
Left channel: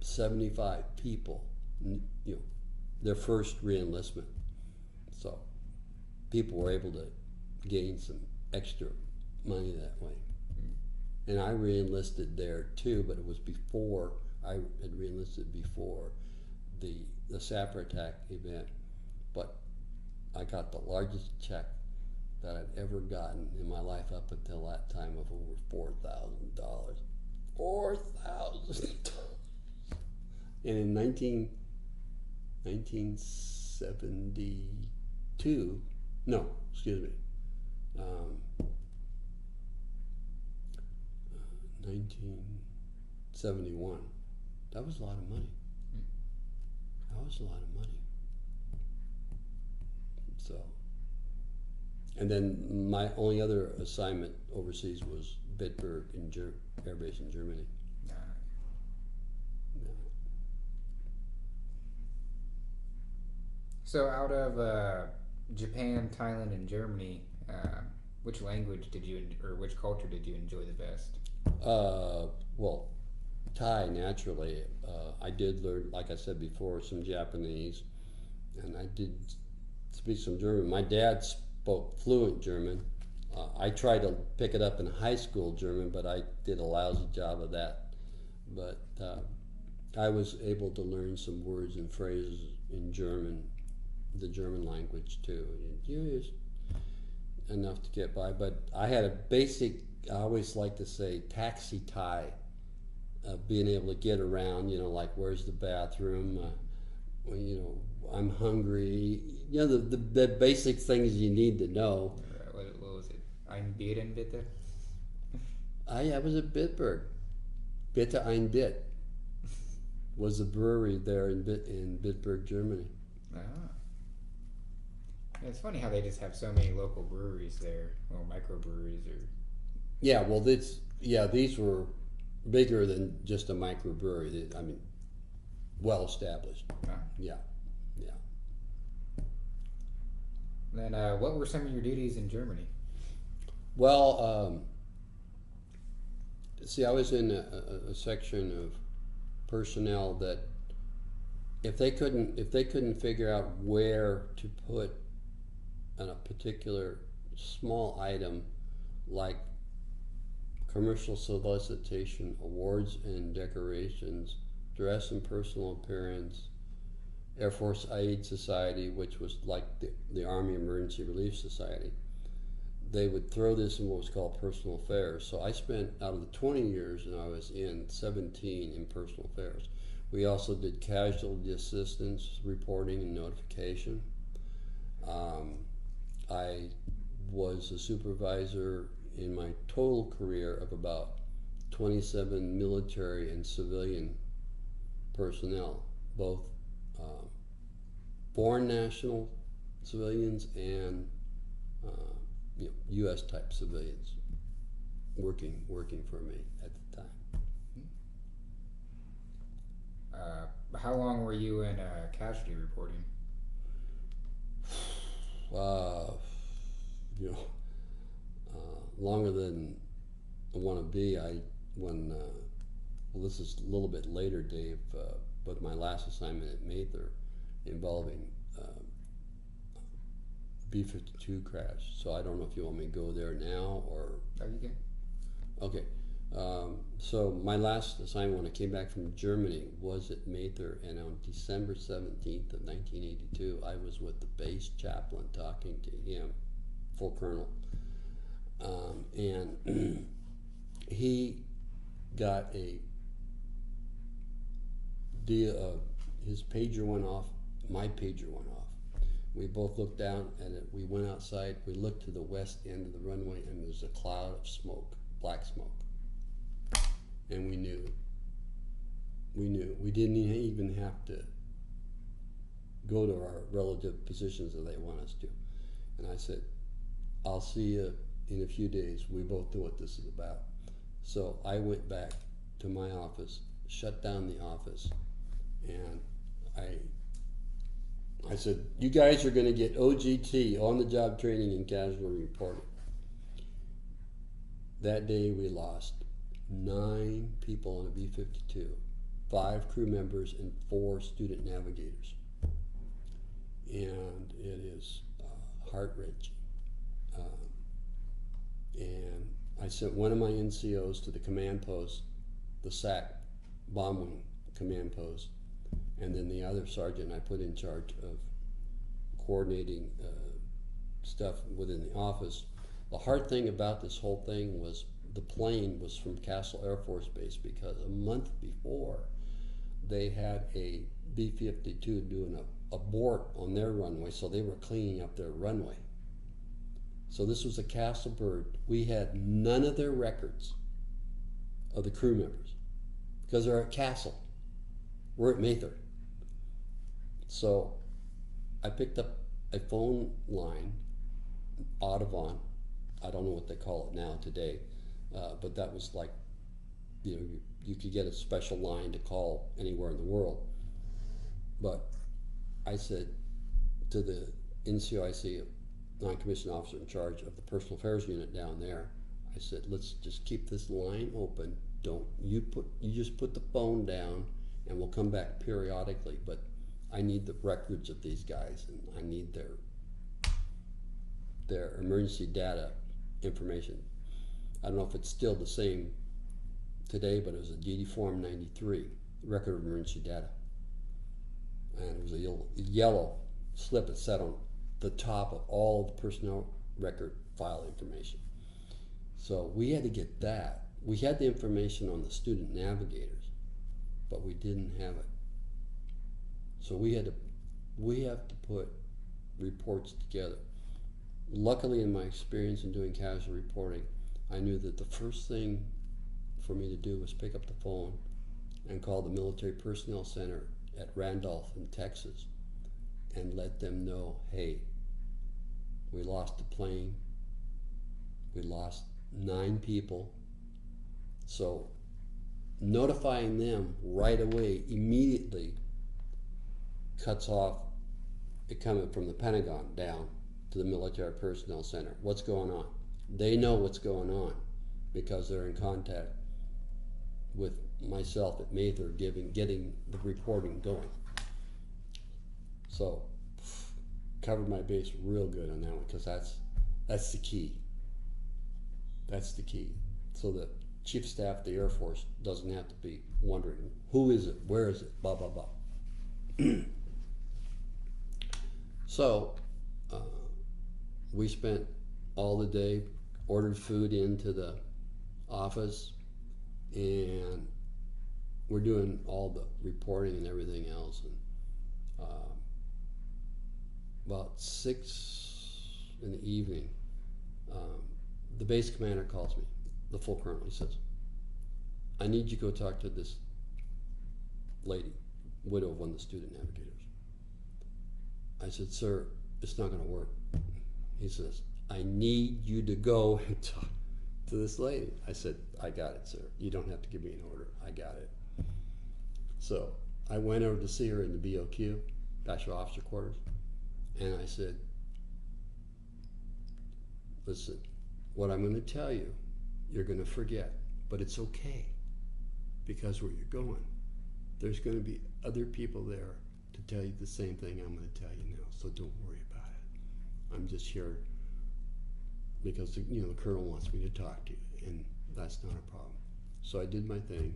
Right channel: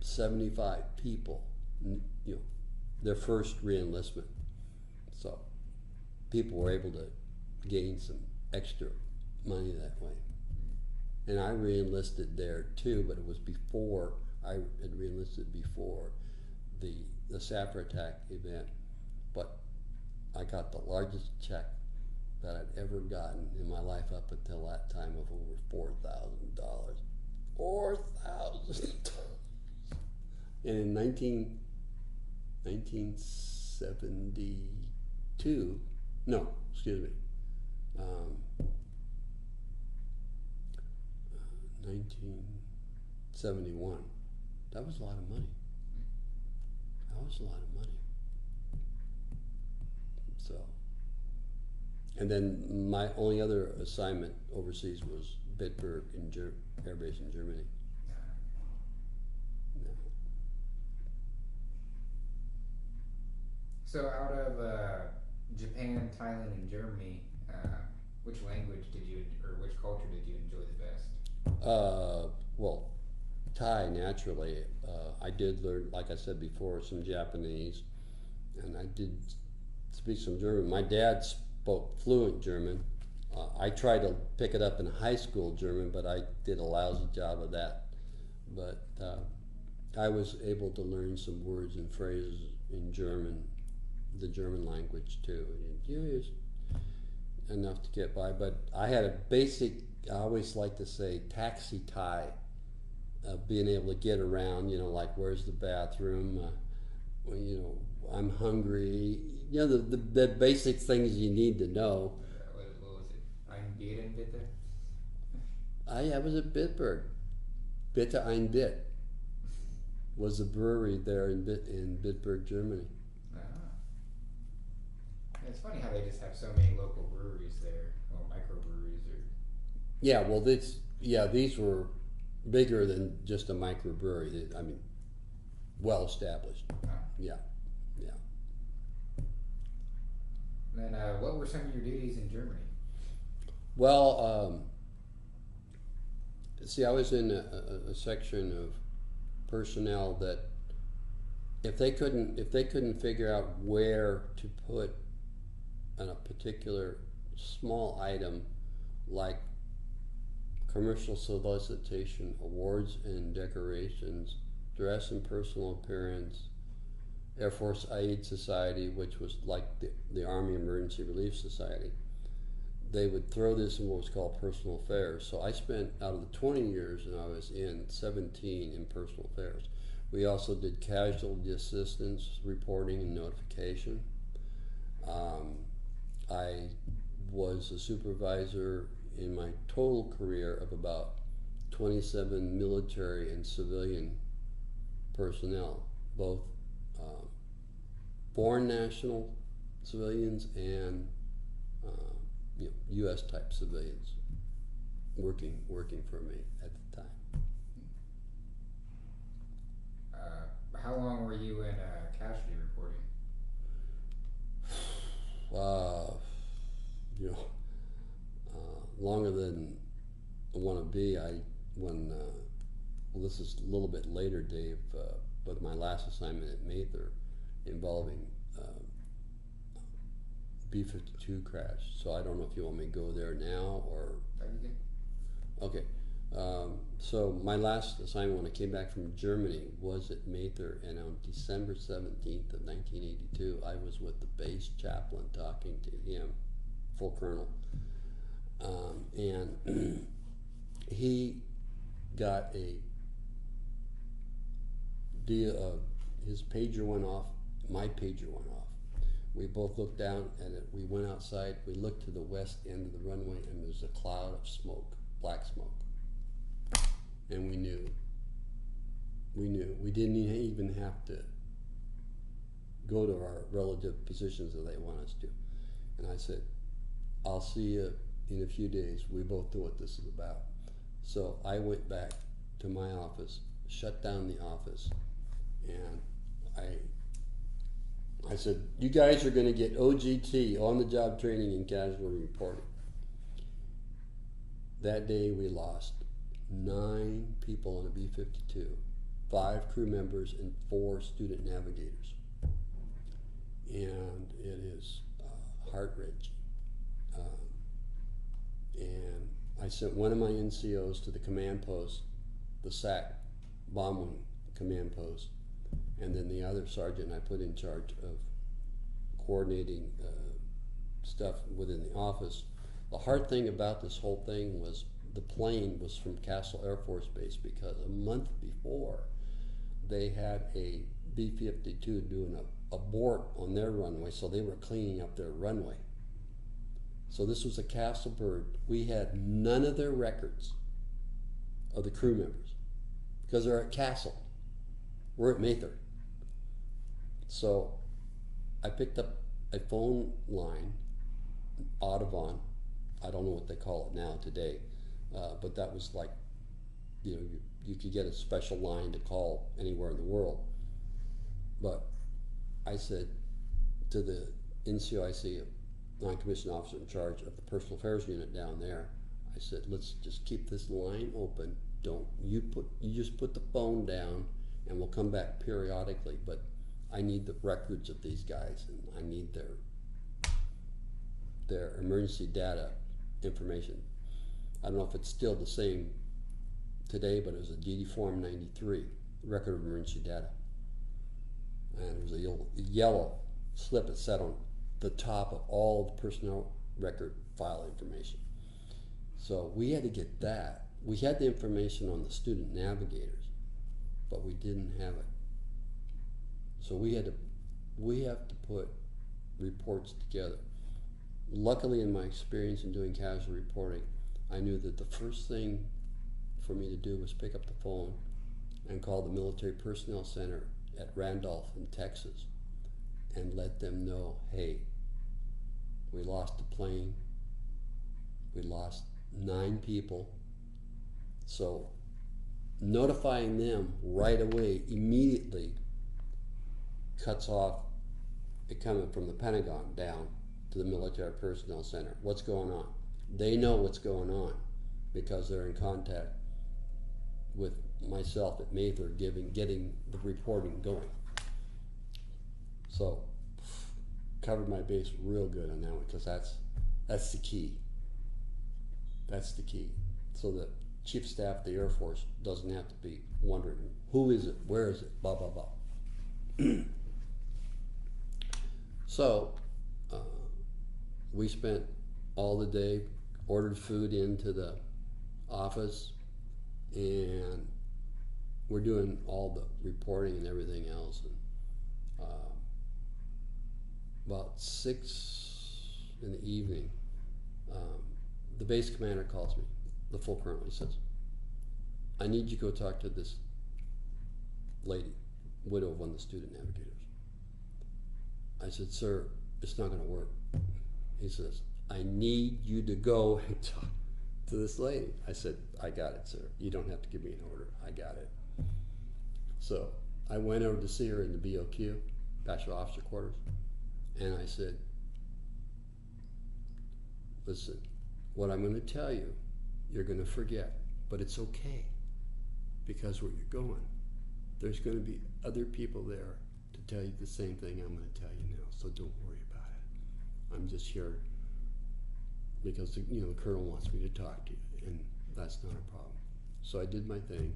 75 people, their first re-enlistment. So people were able to gain some extra money that way. And I re-enlisted there too, but it was before, I had re-enlisted before the sapper attack event. But I got the largest check that I'd ever gotten in my life up until that time of over $4,000. $4,000. And in 1972, no, excuse me, 1971, that was a lot of money. That was a lot of money. So, and then my only other assignment overseas was Bitburg in Air Base in Germany. Yeah. So out of Japan, Thailand, and Germany, which language did you, or which culture did you enjoy the best? Well, Thai, naturally. I did learn, like I said before, some Japanese, and I did speak some German. My dad spoke fluent German. I tried to pick it up in high school German, but I did a lousy job of that. But I was able to learn some words and phrases in German, the German language too. Just enough to get by. But I had a basic, I always like to say, taxi Thai, being able to get around, like where's the bathroom, I'm hungry, the basic things you need to know. What was it? Ein Bieren bitte? I was at Bitburg. Bitte ein Bit was a brewery there in Bitburg, Germany. Ah. Yeah, it's funny how they just have so many local breweries there, or microbreweries, or. Yeah, well, these were bigger than just a microbrewery. I mean, well established. Ah. Yeah. Then, what were some of your duties in Germany? Well, see, I was in a section of personnel that if they couldn't figure out where to put a particular small item like commercial solicitation, awards and decorations, dress and personal appearance, Air Force Aid Society, which was like the Army Emergency Relief Society, they would throw this in what was called personal affairs. So I spent, out of the 20 years and I was in, 17 in personal affairs. We also did casualty assistance, reporting and notification. I was a supervisor in my total career of about 27 military and civilian personnel, both foreign national civilians and U.S. type civilians working for me at the time. How long were you in casualty reporting? Longer than I want to be. Well, this is a little bit later, Dave, but my last assignment at Mather involving B-52 crash. So I don't know if you want me to go there now or. Oh, you can. Okay. So my last assignment when I came back from Germany was at Mather, and on December 17th of 1982, I was with the base chaplain talking to him, full colonel, and he got a deal of his pager went off, my pager went off. We both looked down at it. We went outside. We looked to the west end of the runway, and there's a cloud of smoke, black smoke. And we knew. We didn't even have to go to our relative positions that they want us to. And I said, I'll see you in a few days. We both know what this is about. So I went back to my office, shut down the office, and I said, you guys are going to get OJT, on-the-job training and casualty reporting. That day we lost 9 people on a B-52, 5 crew members, and 4 student navigators. And it is heart-wrenching. And I sent one of my NCOs to the command post, the SAC bomb wing command post, and then the other sergeant I put in charge of coordinating stuff within the office. The hard thing about this whole thing was the plane was from Castle Air Force Base, because a month before they had a B-52 doing a abort on their runway, so they were cleaning up their runway. So this was a Castle bird. We had none of their records of the crew members because they're at Castle. We're at Mather. So I picked up a phone line, Audubon. I don't know what they call it now today, but that was like, you could get a special line to call anywhere in the world. But I said to the NCOIC, non-commissioned officer in charge of the personal affairs unit down there, I said, let's just keep this line open. You just put the phone down, and we'll come back periodically, but I need the records of these guys, and I need their emergency data information. I don't know if it's still the same today, but it was a DD Form 93, Record of Emergency Data. And it was a yellow slip that sat on the top of all the personnel record file information. So we had to get that. We had the information on the student navigators, but we didn't have it. So we have to put reports together. Luckily, in my experience in doing casualty reporting, I knew that the first thing for me to do was pick up the phone and call the Military Personnel Center at Randolph in Texas and let them know, hey, we lost a plane, we lost 9 people. So notifying them right away, immediately, cuts off it coming from the Pentagon down to the Military Personnel Center. What's going on? They know what's going on because they're in contact with myself at Mather getting the reporting going. So covered my base real good on that one, because that's the key. That's the key. So the Chief of Staff of the Air Force doesn't have to be wondering, who is it, where is it, blah, blah, blah. So we spent all the day, ordered food into the office, and we're doing all the reporting and everything else. And about 6 in the evening, the base commander calls me, the full colonel. He says, I need you to go talk to this lady, widow of one of the student navigators. I said, sir, it's not going to work. He says, I need you to go and talk to this lady. I said, I got it, sir. You don't have to give me an order. I got it. So I went over to see her in the BOQ, Bachelor Officer Quarters, and I said, listen, what I'm going to tell you, you're going to forget, but it's okay, because where you're going, there's going to be other people there to tell you the same thing I'm going to tell you now, so don't worry about it. I'm just here because the colonel wants me to talk to you, and that's not a problem. So I did my thing,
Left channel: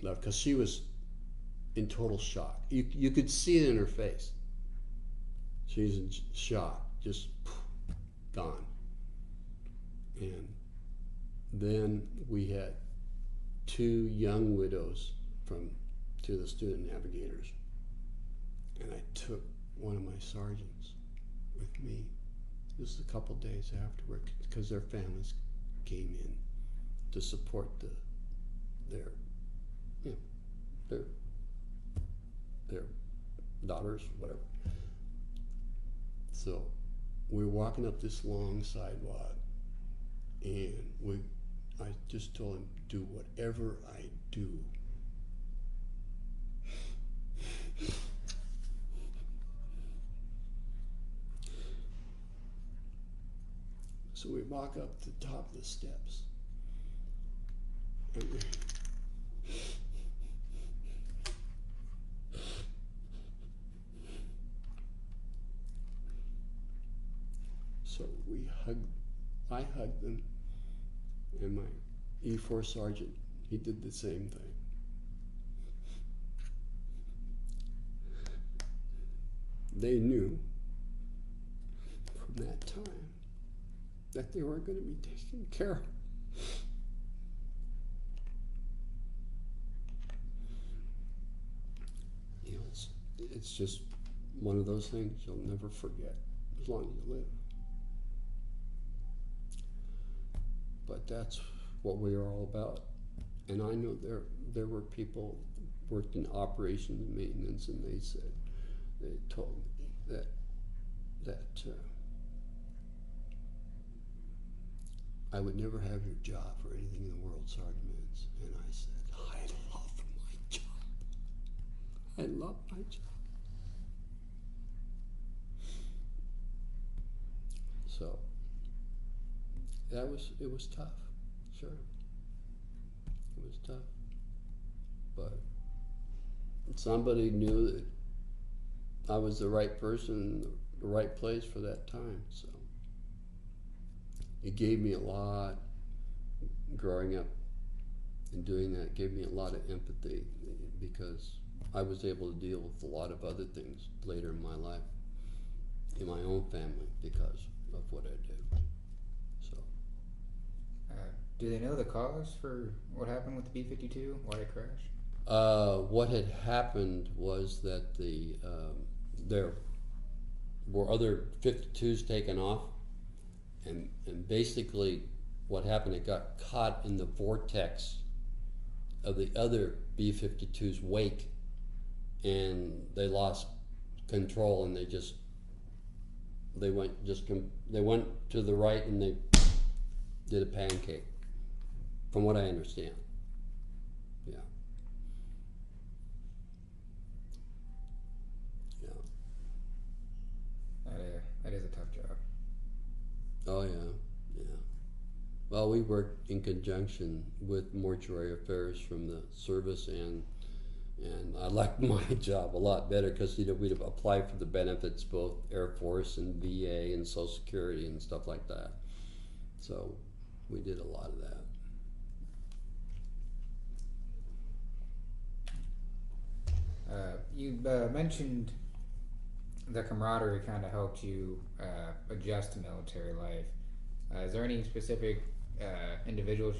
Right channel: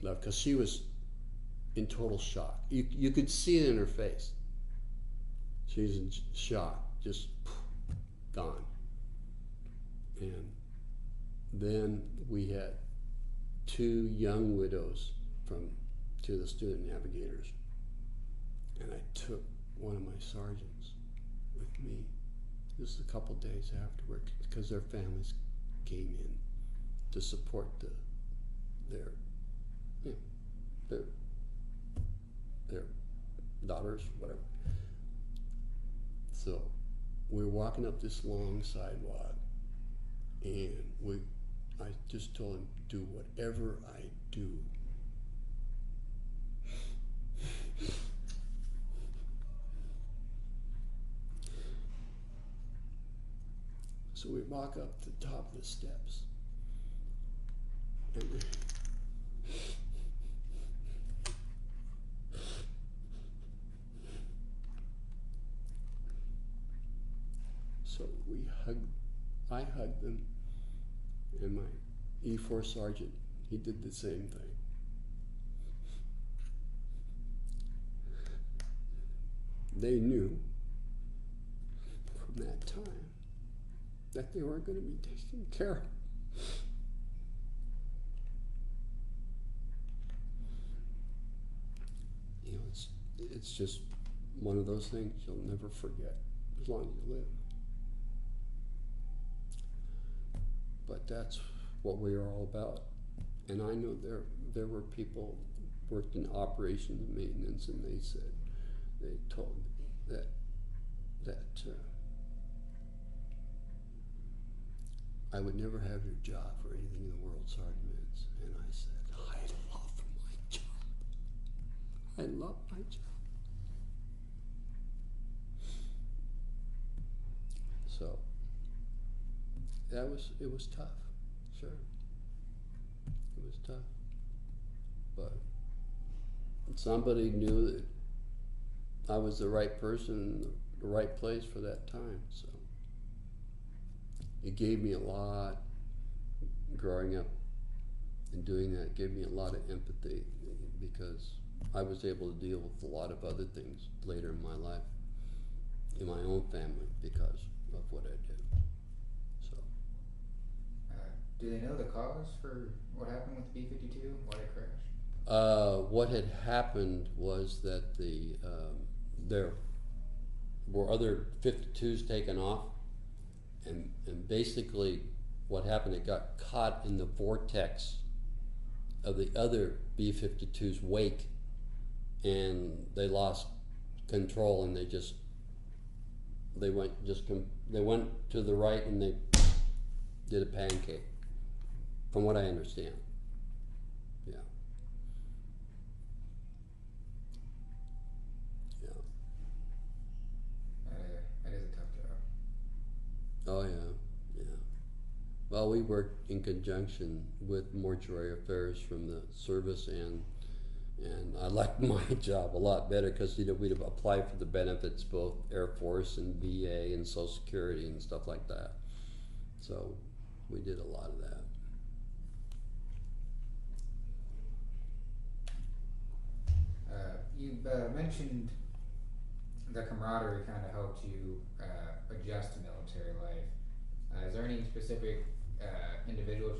left, because she was in total shock. You could see it in her face. She's in shock, just gone. And then we had two young widows from to the student navigators. And I took one of my sergeants with me. This was a couple days afterward, because their families came in to support their daughters, whatever. So we were walking up this long sidewalk, and I just told him, do whatever I do. So we walk up to the top of the steps. And so I hugged them, and my E4 sergeant, he did the same thing. They knew from that time that they were going to be taken care of. You know, it's just one of those things you'll never forget as long as you live. But that's what we are all about. And I know there were people worked in operations and maintenance, and they told me that I would never have your job for anything in the world, Sergeant Mentz. And I said, I love my job. I love my job. So it was tough, sure. It was tough. But somebody knew that I was the right person in the right place for that time, so it gave me a lot. Growing up and doing that gave me a lot of empathy, because I was able to deal with a lot of other things later in my life, in my own family, because of what I did. So, do they know the cause for what happened with the B-52? Why it crashed? What had happened was that there were other 52s taken off, and basically what happened, it got caught in the vortex of the other B-52's wake, and they lost control, and they went to the right, and they did a pancake, from what I understand. Yeah. That is a tough job. Oh yeah. Well, we worked in conjunction with mortuary affairs from the service, and I liked my job a lot better, because we'd apply for the benefits, both Air Force and VA and Social Security and stuff like that. So we did a lot of that. You mentioned the camaraderie kind of helped you adjust to military life. Is there any specific individuals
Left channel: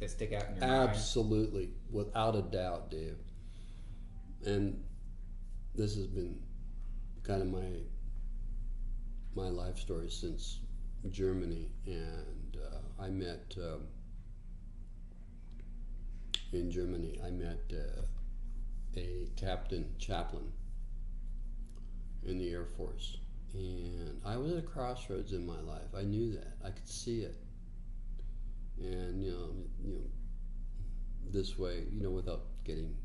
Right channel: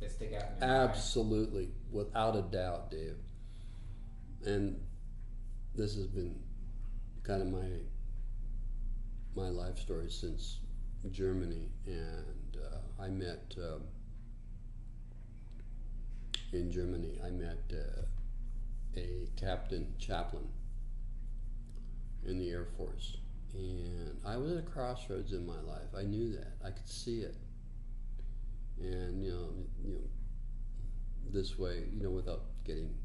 that stick out in your mind? Absolutely, without a doubt, Dave. And this has been kind of my life story since Germany, and I met in Germany. I met a captain chaplain in the Air Force, and I was at a crossroads in my life. I knew that. I could see it, and you know, this way, without getting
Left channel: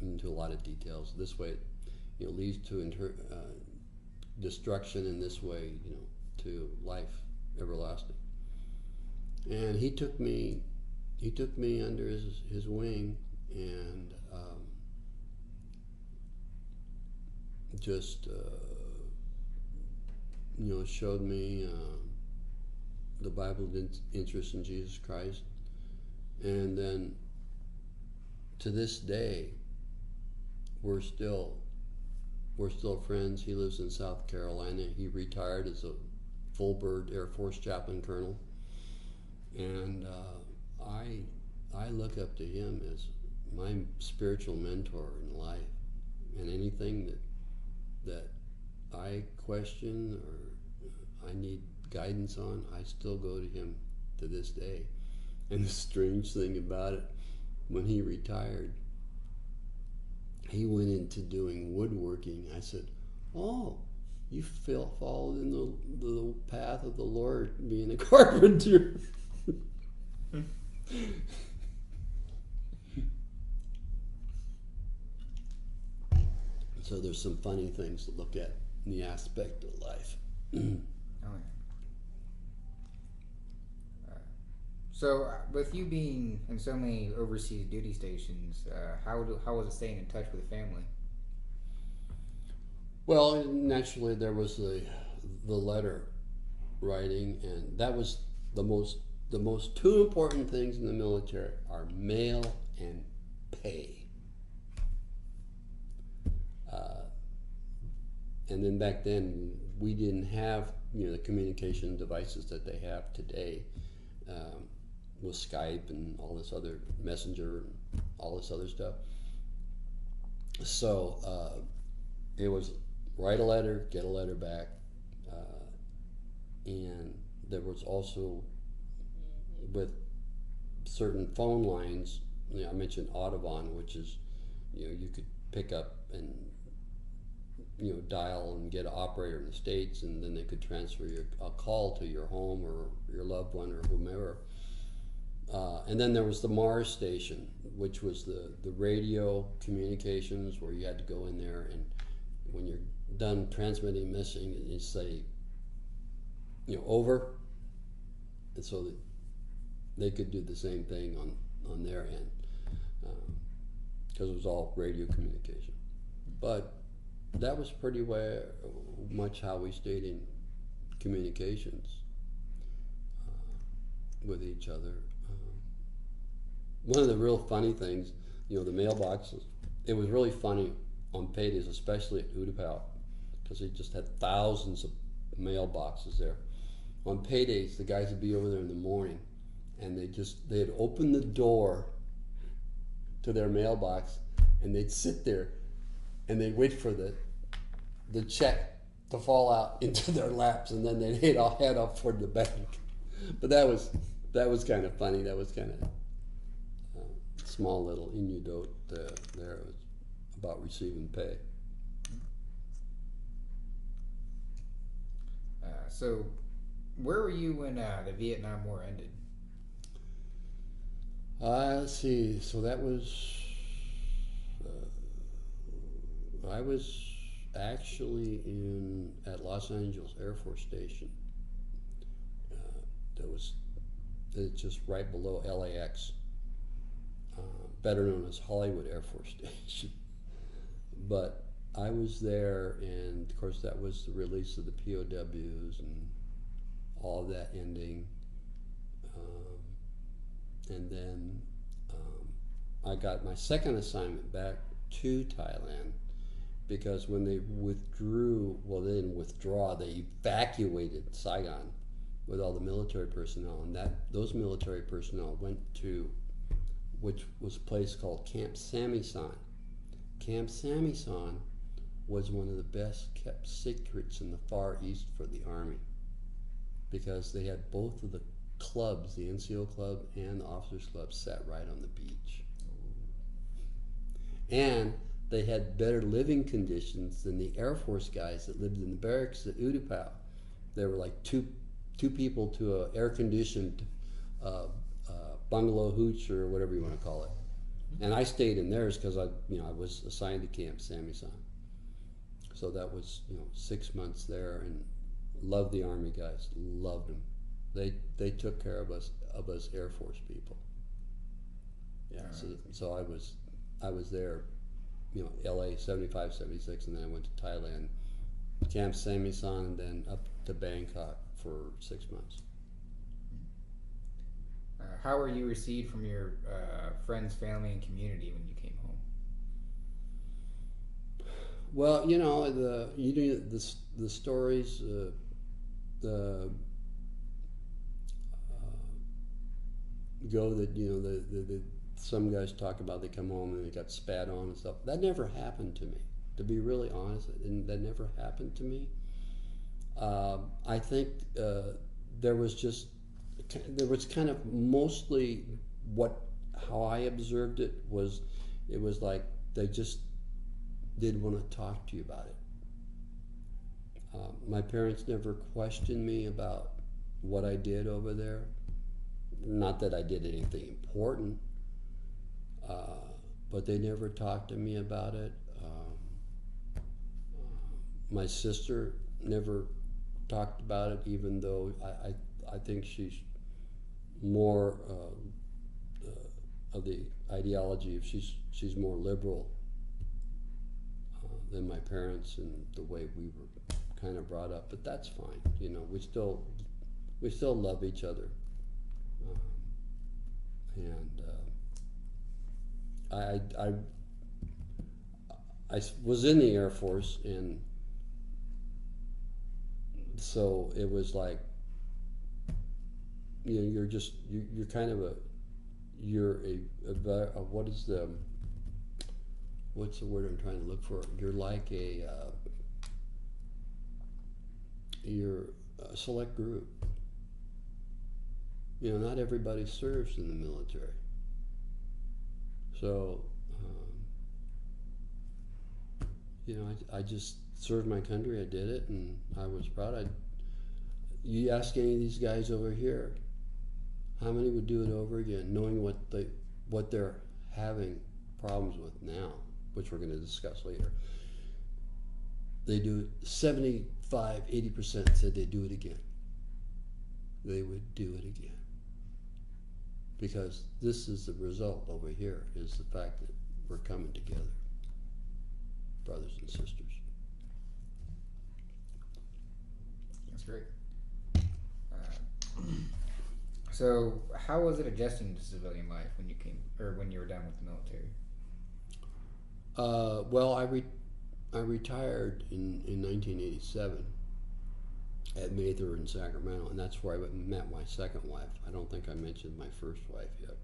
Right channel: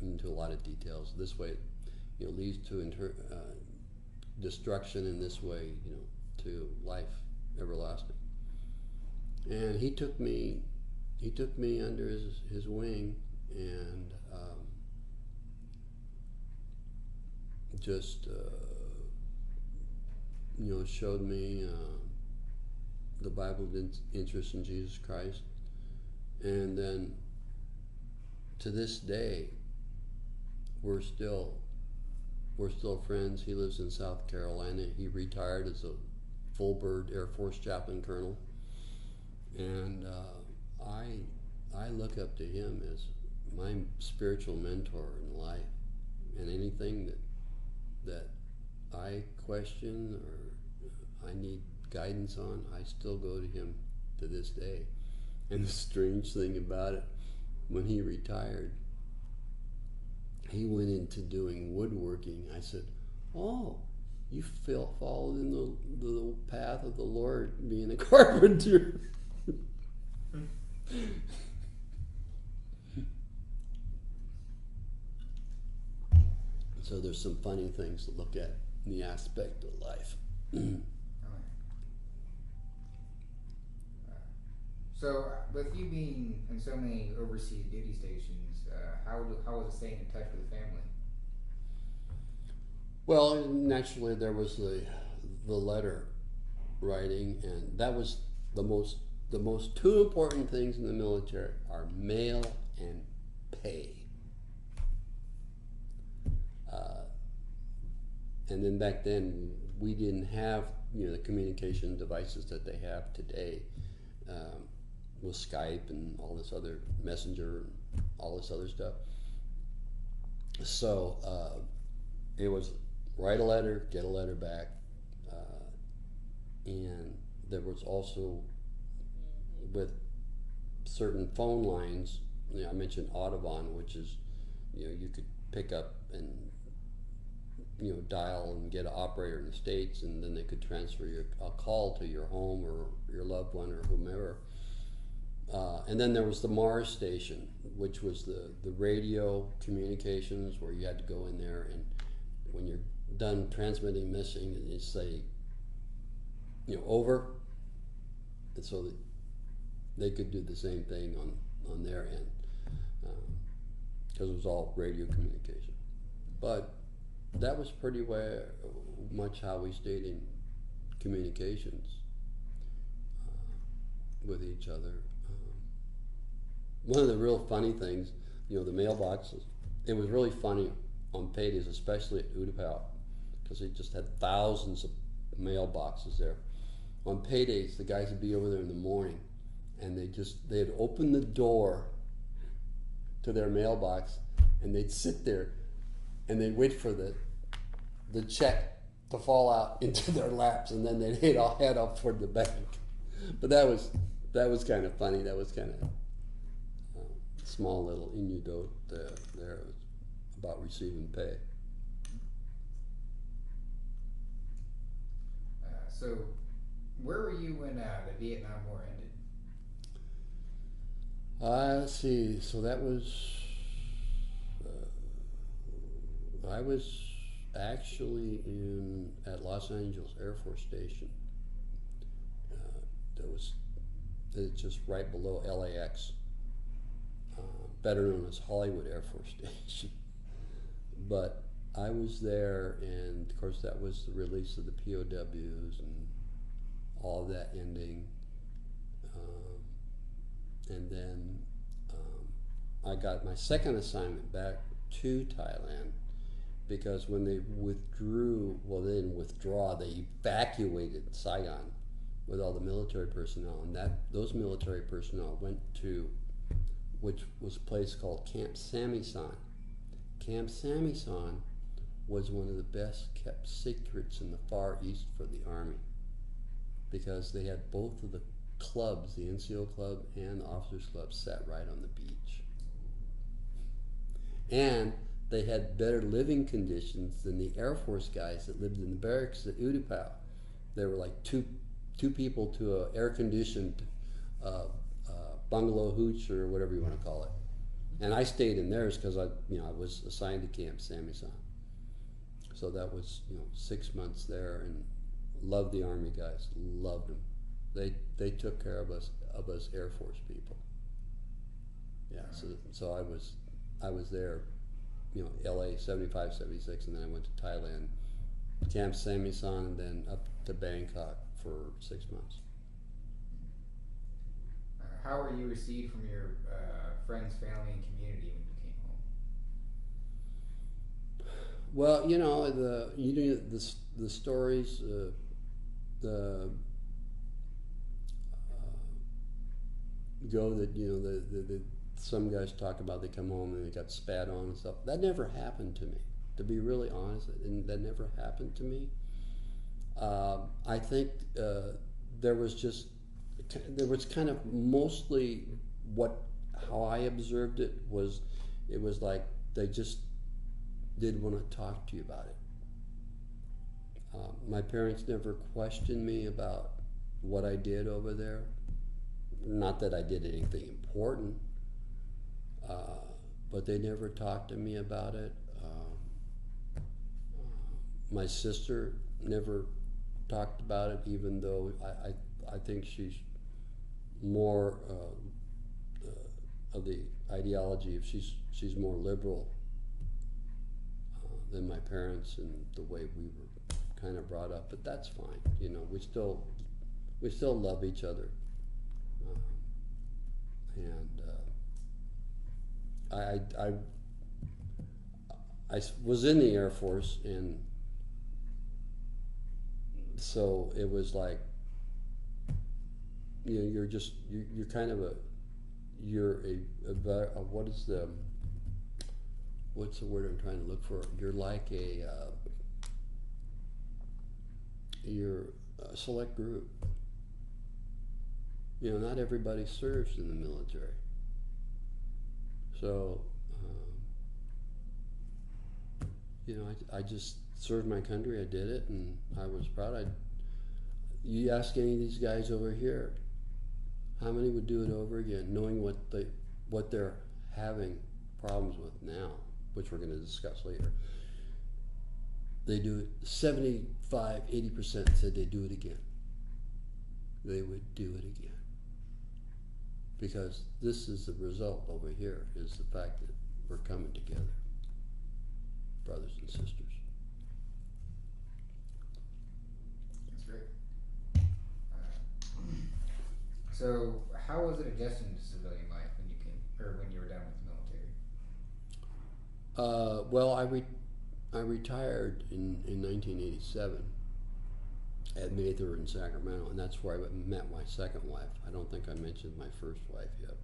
into a lot of details, this way, leads to destruction, in this way, to life everlasting. And he took me under his wing, and just showed me the Bible's interest in Jesus Christ, And then to this day, we're still friends. He lives in South Carolina. He retired as a full bird Air Force chaplain colonel, and I look up to him as my spiritual mentor in life. And anything that I question or I need guidance on, I still go to him to this day. And the strange thing about it, when he retired, he went into doing woodworking. I said, "Oh, you followed in the path of the Lord, being a carpenter." So there's some funny things to look at in the aspect of life. Oh, yeah. So, with you being in so many overseas duty stations, how was it staying in touch with the family? Well, naturally there was the letter writing, and that was the most two important things in the military are mail and pay. And then back then we didn't have the communication devices that they have today, with Skype and all this other Messenger and all this other stuff. So it was write a letter, get a letter back, and there was also with certain phone lines. I mentioned Audubon, which is you could pick up and dial and get an operator in the States, and then they could transfer a call to your home or your loved one or whomever. And then there was the Mars station, which was the radio communications, where you had to go in there, and when you're done transmitting missing, you say, over, and so that they could do the same thing on their end, because it was all radio communication. But that was pretty much how we stayed in communications with each other. One of the real funny things, the mailboxes, it was really funny on paydays, especially at Utapau, because they just had thousands of mailboxes there. On paydays, the guys would be over there in the morning, and they'd open the door to their mailbox, and they'd sit there, and they'd wait for the check to fall out into their laps, and then they'd head off toward the bank. But that was kind of funny. That was kind of small little anecdote there about receiving pay. So, where were you when the Vietnam War ended? Let's see. So that was I was actually at Los Angeles Air Force Station. It's just right below LAX, better known as Hollywood Air Force Station. But I was there, and of course that was the release of the POWs and all of that ending. And then I got my second assignment back to Thailand, because when they withdrew, well, they didn't withdraw, they evacuated Saigon with all the military personnel, and those military personnel went to, which was a place called Camp Samisan. Camp Samisan was one of the best kept secrets in the Far East for the Army, because they had both of the clubs, the NCO club and the officers club, sat right on the beach. And they had better living conditions than the Air Force guys that lived in the barracks at Utapau. They were like two people to an air-conditioned bungalow hooch, or whatever you want to call it. And I stayed in theirs because I was assigned to Camp Samisan. So that was 6 months there, and loved the Army guys, loved them. They took care of us Air Force people. Yeah. Right. So I was there, LA 75, 76, and then I went to Thailand, Camp Samisan, and then up to Bangkok for 6 months. how were you received from your friends, family, and community when you came home? Well, the stories, the go that the some guys talk about they come home and they got spat on and stuff. That never happened to me. To be really honest, and that never happened to me. I think there was kind of mostly how I observed it was like they just didn't want to talk to you about it. My parents never questioned me about what I did over there. Not that I did anything important, but they never talked to me about it. My sister never talked about it, even though I think she's more of the ideology of she's more liberal than my parents and the way we were kind of brought up. But that's fine. We still love each other. I was in the Air Force, and so it was like, you're kind of what's the word I'm trying to look for? You're like you're a select group. Not everybody serves in the military. So, I just served my country. I did it, and I was proud. You ask any of these guys over here, how many would do it over again, knowing what they're having problems with now, which we're going to discuss later. They do it. 75, 80% said they'd do it again. They would do it again. Because this is the result over here, is the fact that we're coming together, brothers and sisters. That's great. So, how was it adjusting to civilian life when you were done with the military? Well, I retired in 1987 at Mather in Sacramento, and that's where I met my second wife. I don't think I mentioned my first wife yet.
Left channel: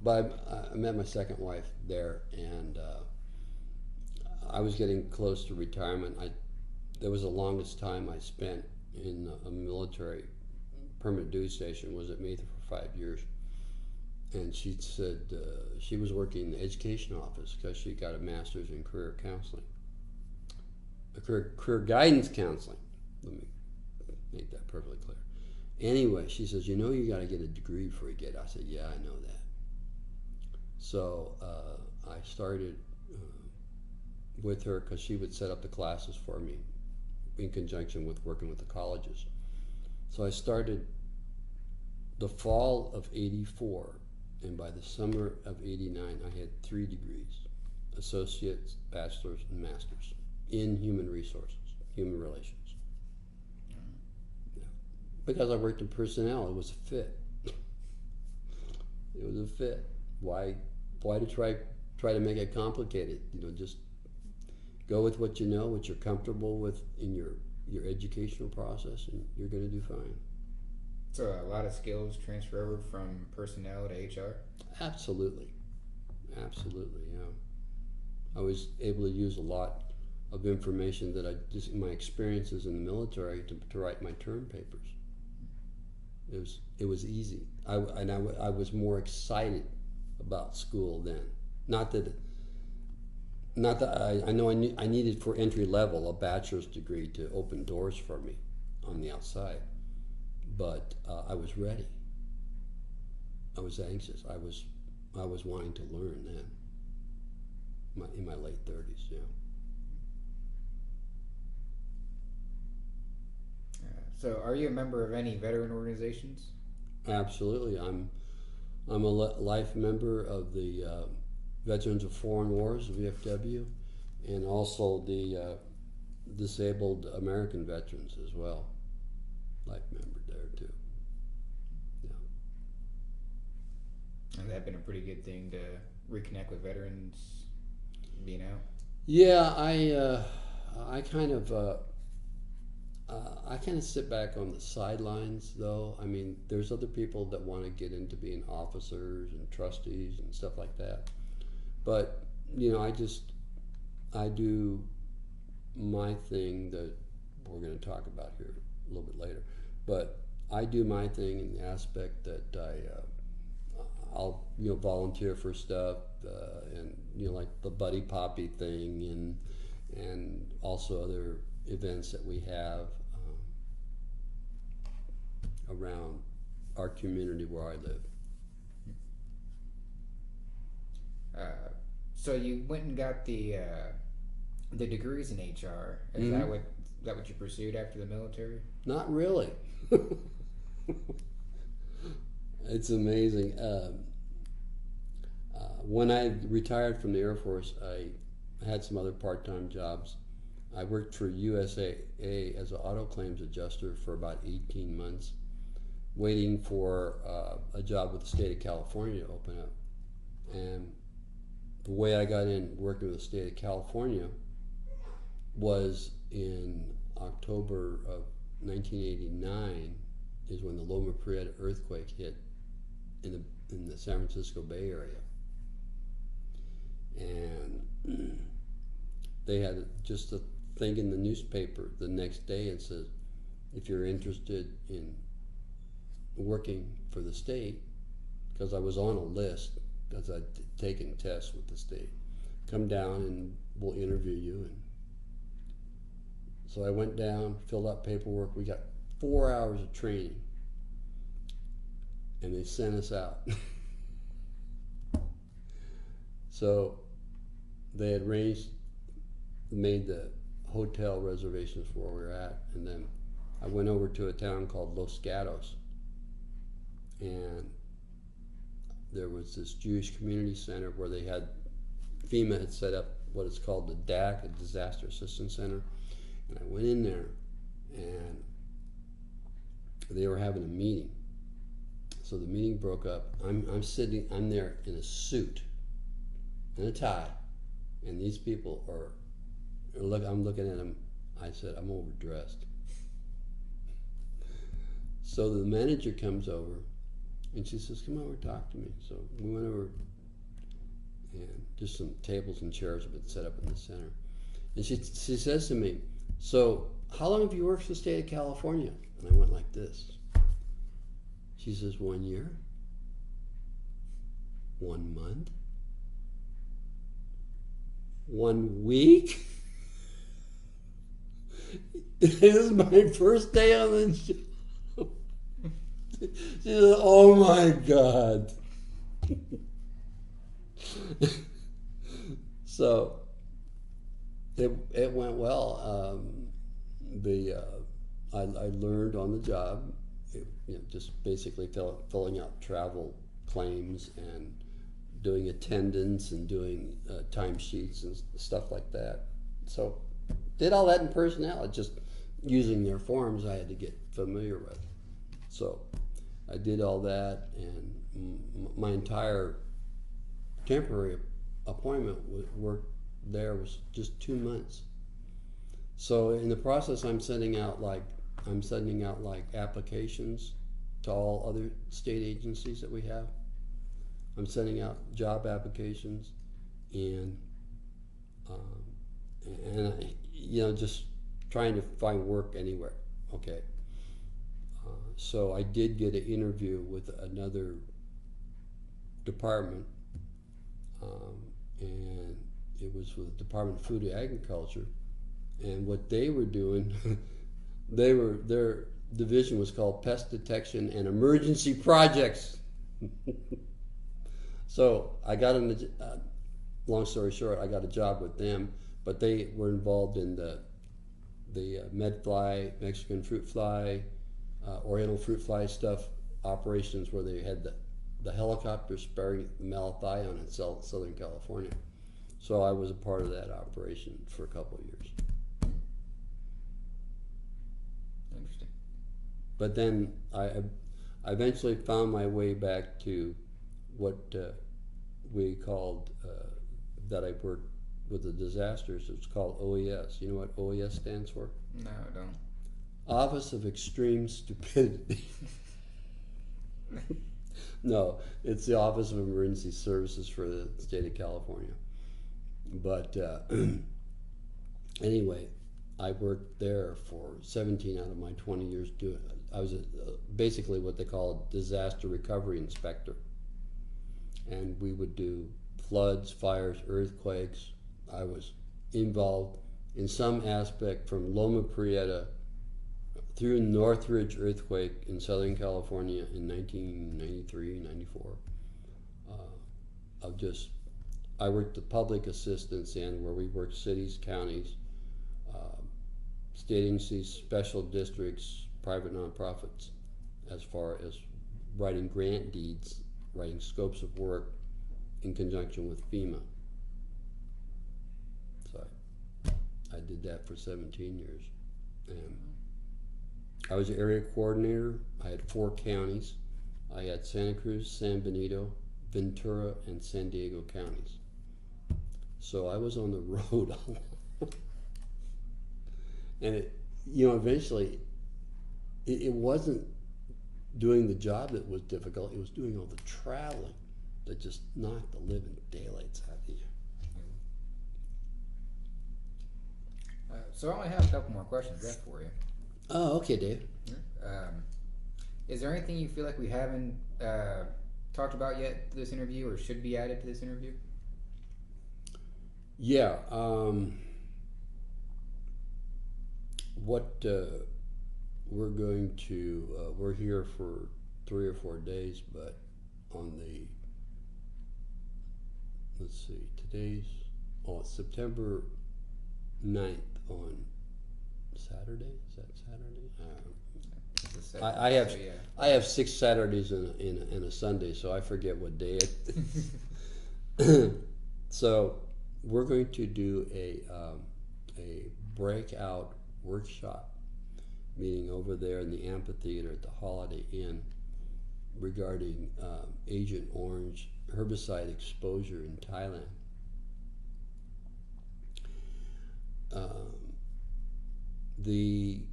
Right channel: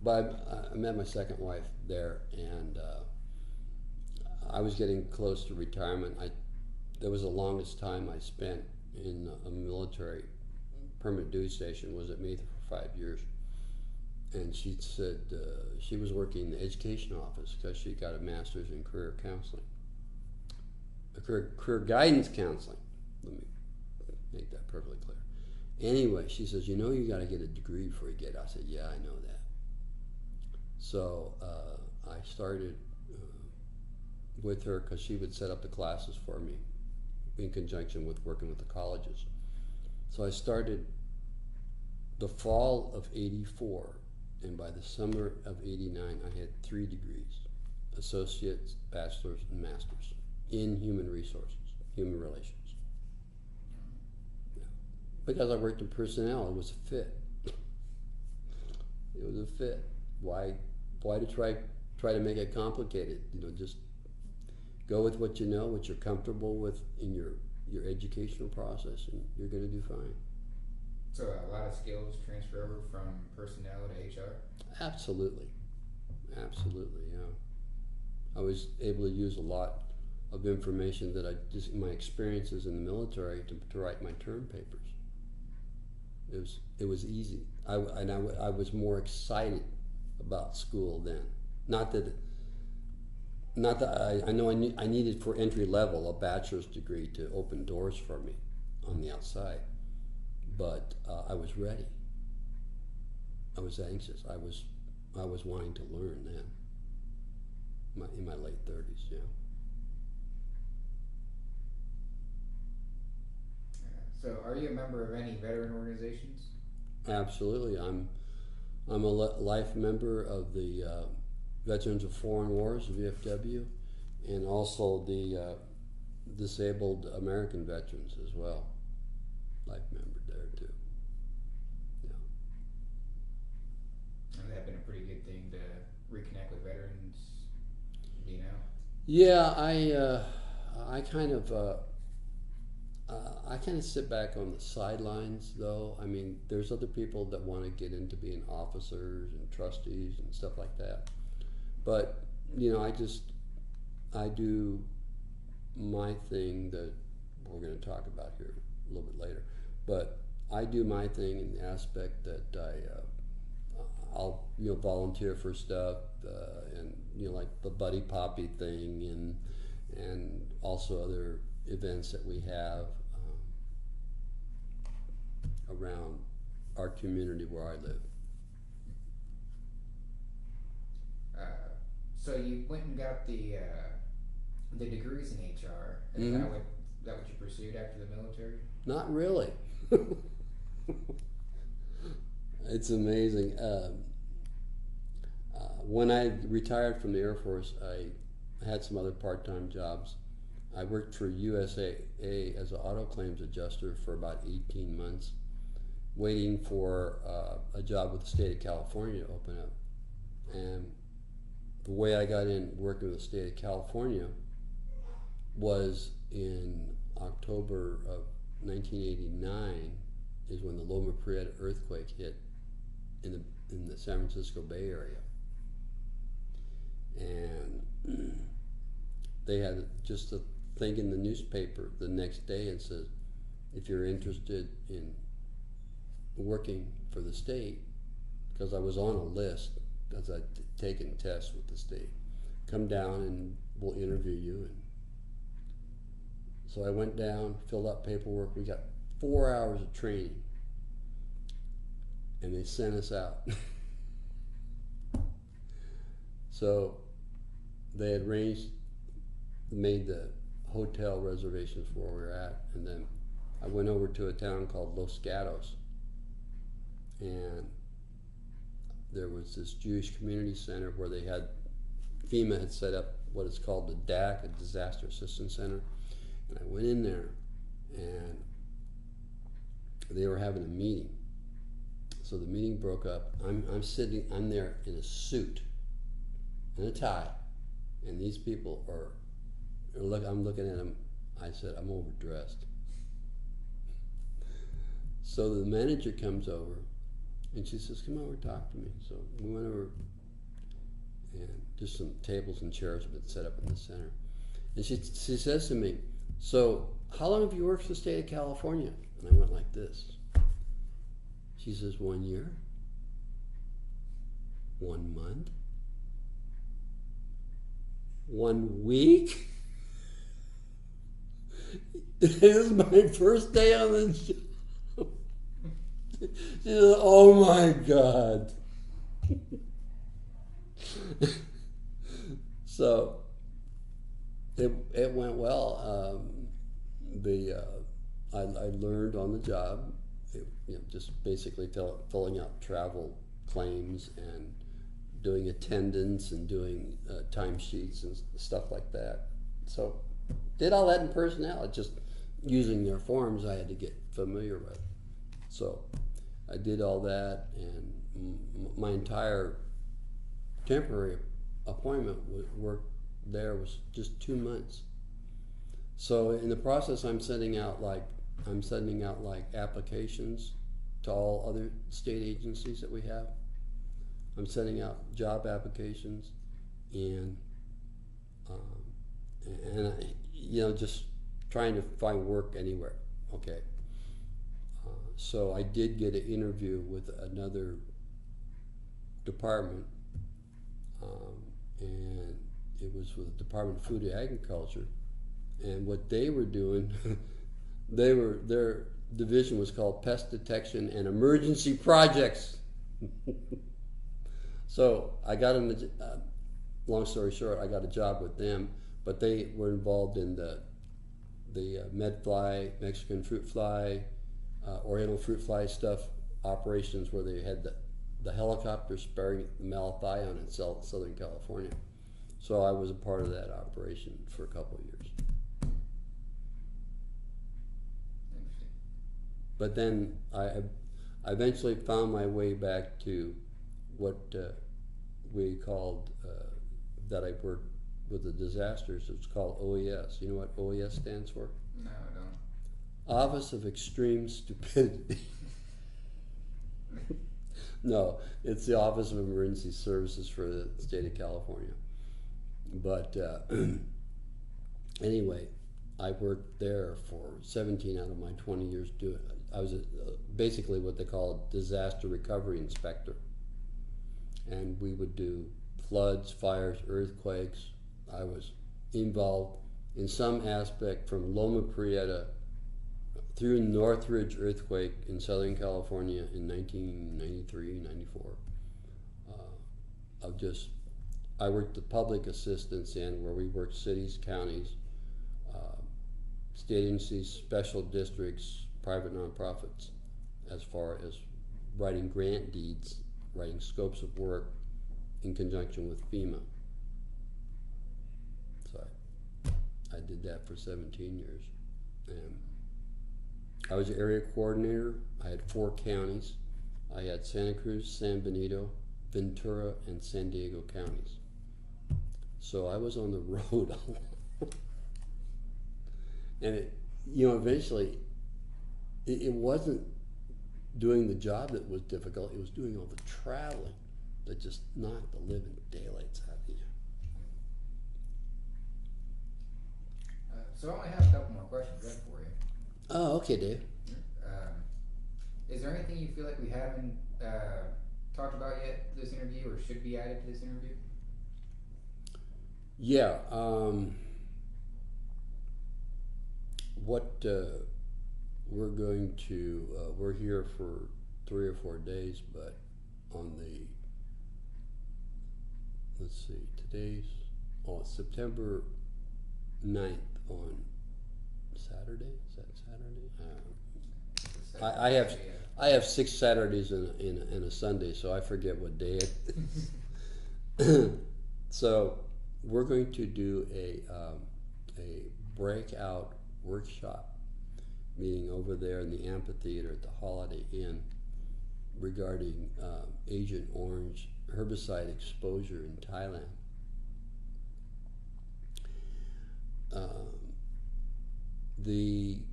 But I met my second wife there, and I was getting close to retirement. There was the longest time I spent in a military permanent duty station was at Mather for 5 years. And she said she was working in the education office because she got a master's in career counseling, career guidance counseling. Let me make that perfectly clear. Anyway, she says, you got to get a degree before you get it. I said, yeah, I know that. So I started with her because she would set up the classes for me in conjunction with working with the colleges. So I started the fall of '84, and by the summer of '89, I had 3 degrees, associates, bachelor's, and master's in human resources, human relations. Yeah. Because I worked in personnel, it was a fit. It was a fit. Why to try to make it complicated? Just go with what you know, what you're comfortable with in your educational process, and you're going to do fine. So a lot of skills transfer over from personnel to HR? Absolutely, yeah. I was able to use a lot of information that my experiences in the military to write my term papers. It was easy. I was more excited about school then. Not that I know I needed for entry level a bachelor's degree to open doors for me on the outside, but I was ready. I was anxious. I was wanting to learn then. In my late 30s, yeah. So, are you a member of any veteran organizations? Absolutely. I'm a life member of the Veterans of Foreign Wars, VFW, and also the Disabled American Veterans as well. Life member there too. Yeah. Has that been a pretty good thing to reconnect with veterans being out? Yeah, I kind of I kind of sit back on the sidelines, though. I mean, there's other people that want to get into being officers and trustees and stuff like that. But I do my thing that we're going to talk about here a little bit later. But I do my thing in the aspect that I'll volunteer for stuff and like the Buddy Poppy thing and also other events that we have around our community where I live. So you went and got the degrees in HR. Is Mhm. that what you pursued after the military? Not really. It's amazing. When I retired from the Air Force, I had some other part-time jobs. I worked for USAA as an auto claims adjuster for about 18 months, waiting for a job with the state of California to open up. And the way I got in working with the state of California was in October of 1989 is when the Loma Prieta earthquake hit in the San Francisco Bay Area. And they had just a thing in the newspaper the next day and says, if you're interested in working for the state, because I was on a list, because I'd taken tests with the state, come down and we'll interview you. And so I went down, filled out paperwork. We got 4 hours of training, and they sent us out. So they had made the hotel reservations for where we were at, and then I went over to a town called Los Gatos, and there was this Jewish community center where FEMA had set up what is called the DAC, a Disaster Assistance Center, and I went in there, and they were having a meeting. So the meeting broke up. I'm there in a suit and a tie, and these people I'm looking at them. I said, I'm overdressed. So the manager comes over, and she says, come over, talk to me. So we went over, and just some tables and chairs have been set up in the center. And she says to me, so how long have you worked for the state of California? And I went like this. She says, 1 year, 1 month, 1 week. This is my first day on the job. She says, oh my God. So it went well. I learned on the job, just basically filling out travel claims and doing attendance and doing timesheets and stuff like that. So did all that in personnel. Just using their forms I had to get familiar with. So I did all that, and my entire temporary appointment work there was just 2 months. So in the process, I'm sending out like applications to all other state agencies that we have. I'm sending out job applications and just trying to find work anywhere. Okay. So I did get an interview with another department, and it was with the Department of Food and Agriculture. And what they were doing, their division was called Pest Detection and Emergency Projects. So I got long story short, I got a job with them, but they were involved in the medfly, Mexican fruit fly, Oriental fruit fly stuff operations where they had the helicopter spraying malathion in Southern California. So I was a part of that operation for a couple of years. Interesting. But then I eventually found my way back to what we called, that I worked with the disasters, it's called OES. You know what OES stands for? No, I don't. Office of Extreme Stupidity. No, it's the Office of Emergency Services for the state of California. But anyway, I worked there for 17 out of my 20 years doing. I was basically what they call a disaster recovery inspector, and we would do floods, fires, earthquakes. I was involved in some aspect from Loma Prieta through Northridge earthquake in Southern California in 1993, 94. I worked the public assistance end where we worked cities, counties, state agencies, special districts, private nonprofits, as far as writing grant deeds, writing scopes of work in conjunction with FEMA. So I did that for 17 years. And I was area coordinator. I had 4 counties. I had Santa Cruz, San Benito, Ventura, and San Diego counties. So I was on the road a lot. And it, eventually, it wasn't doing the job that was difficult. It was doing all the traveling that just knocked the living daylights out of you. So I only have a couple more questions left for you. Oh, okay, Dave. Is there anything you feel like we haven't talked about yet to this interview, or should be added to this interview? Yeah. What we're going to, we're here for 3 or 4 days, but on the, let's see, it's September 9th on Saturday. Is that Saturday? I have 6 Saturdays and a Sunday, so I forget what day it is. So we're going to do a breakout workshop meeting over there in the amphitheater at the Holiday Inn regarding Agent Orange herbicide exposure in Thailand. The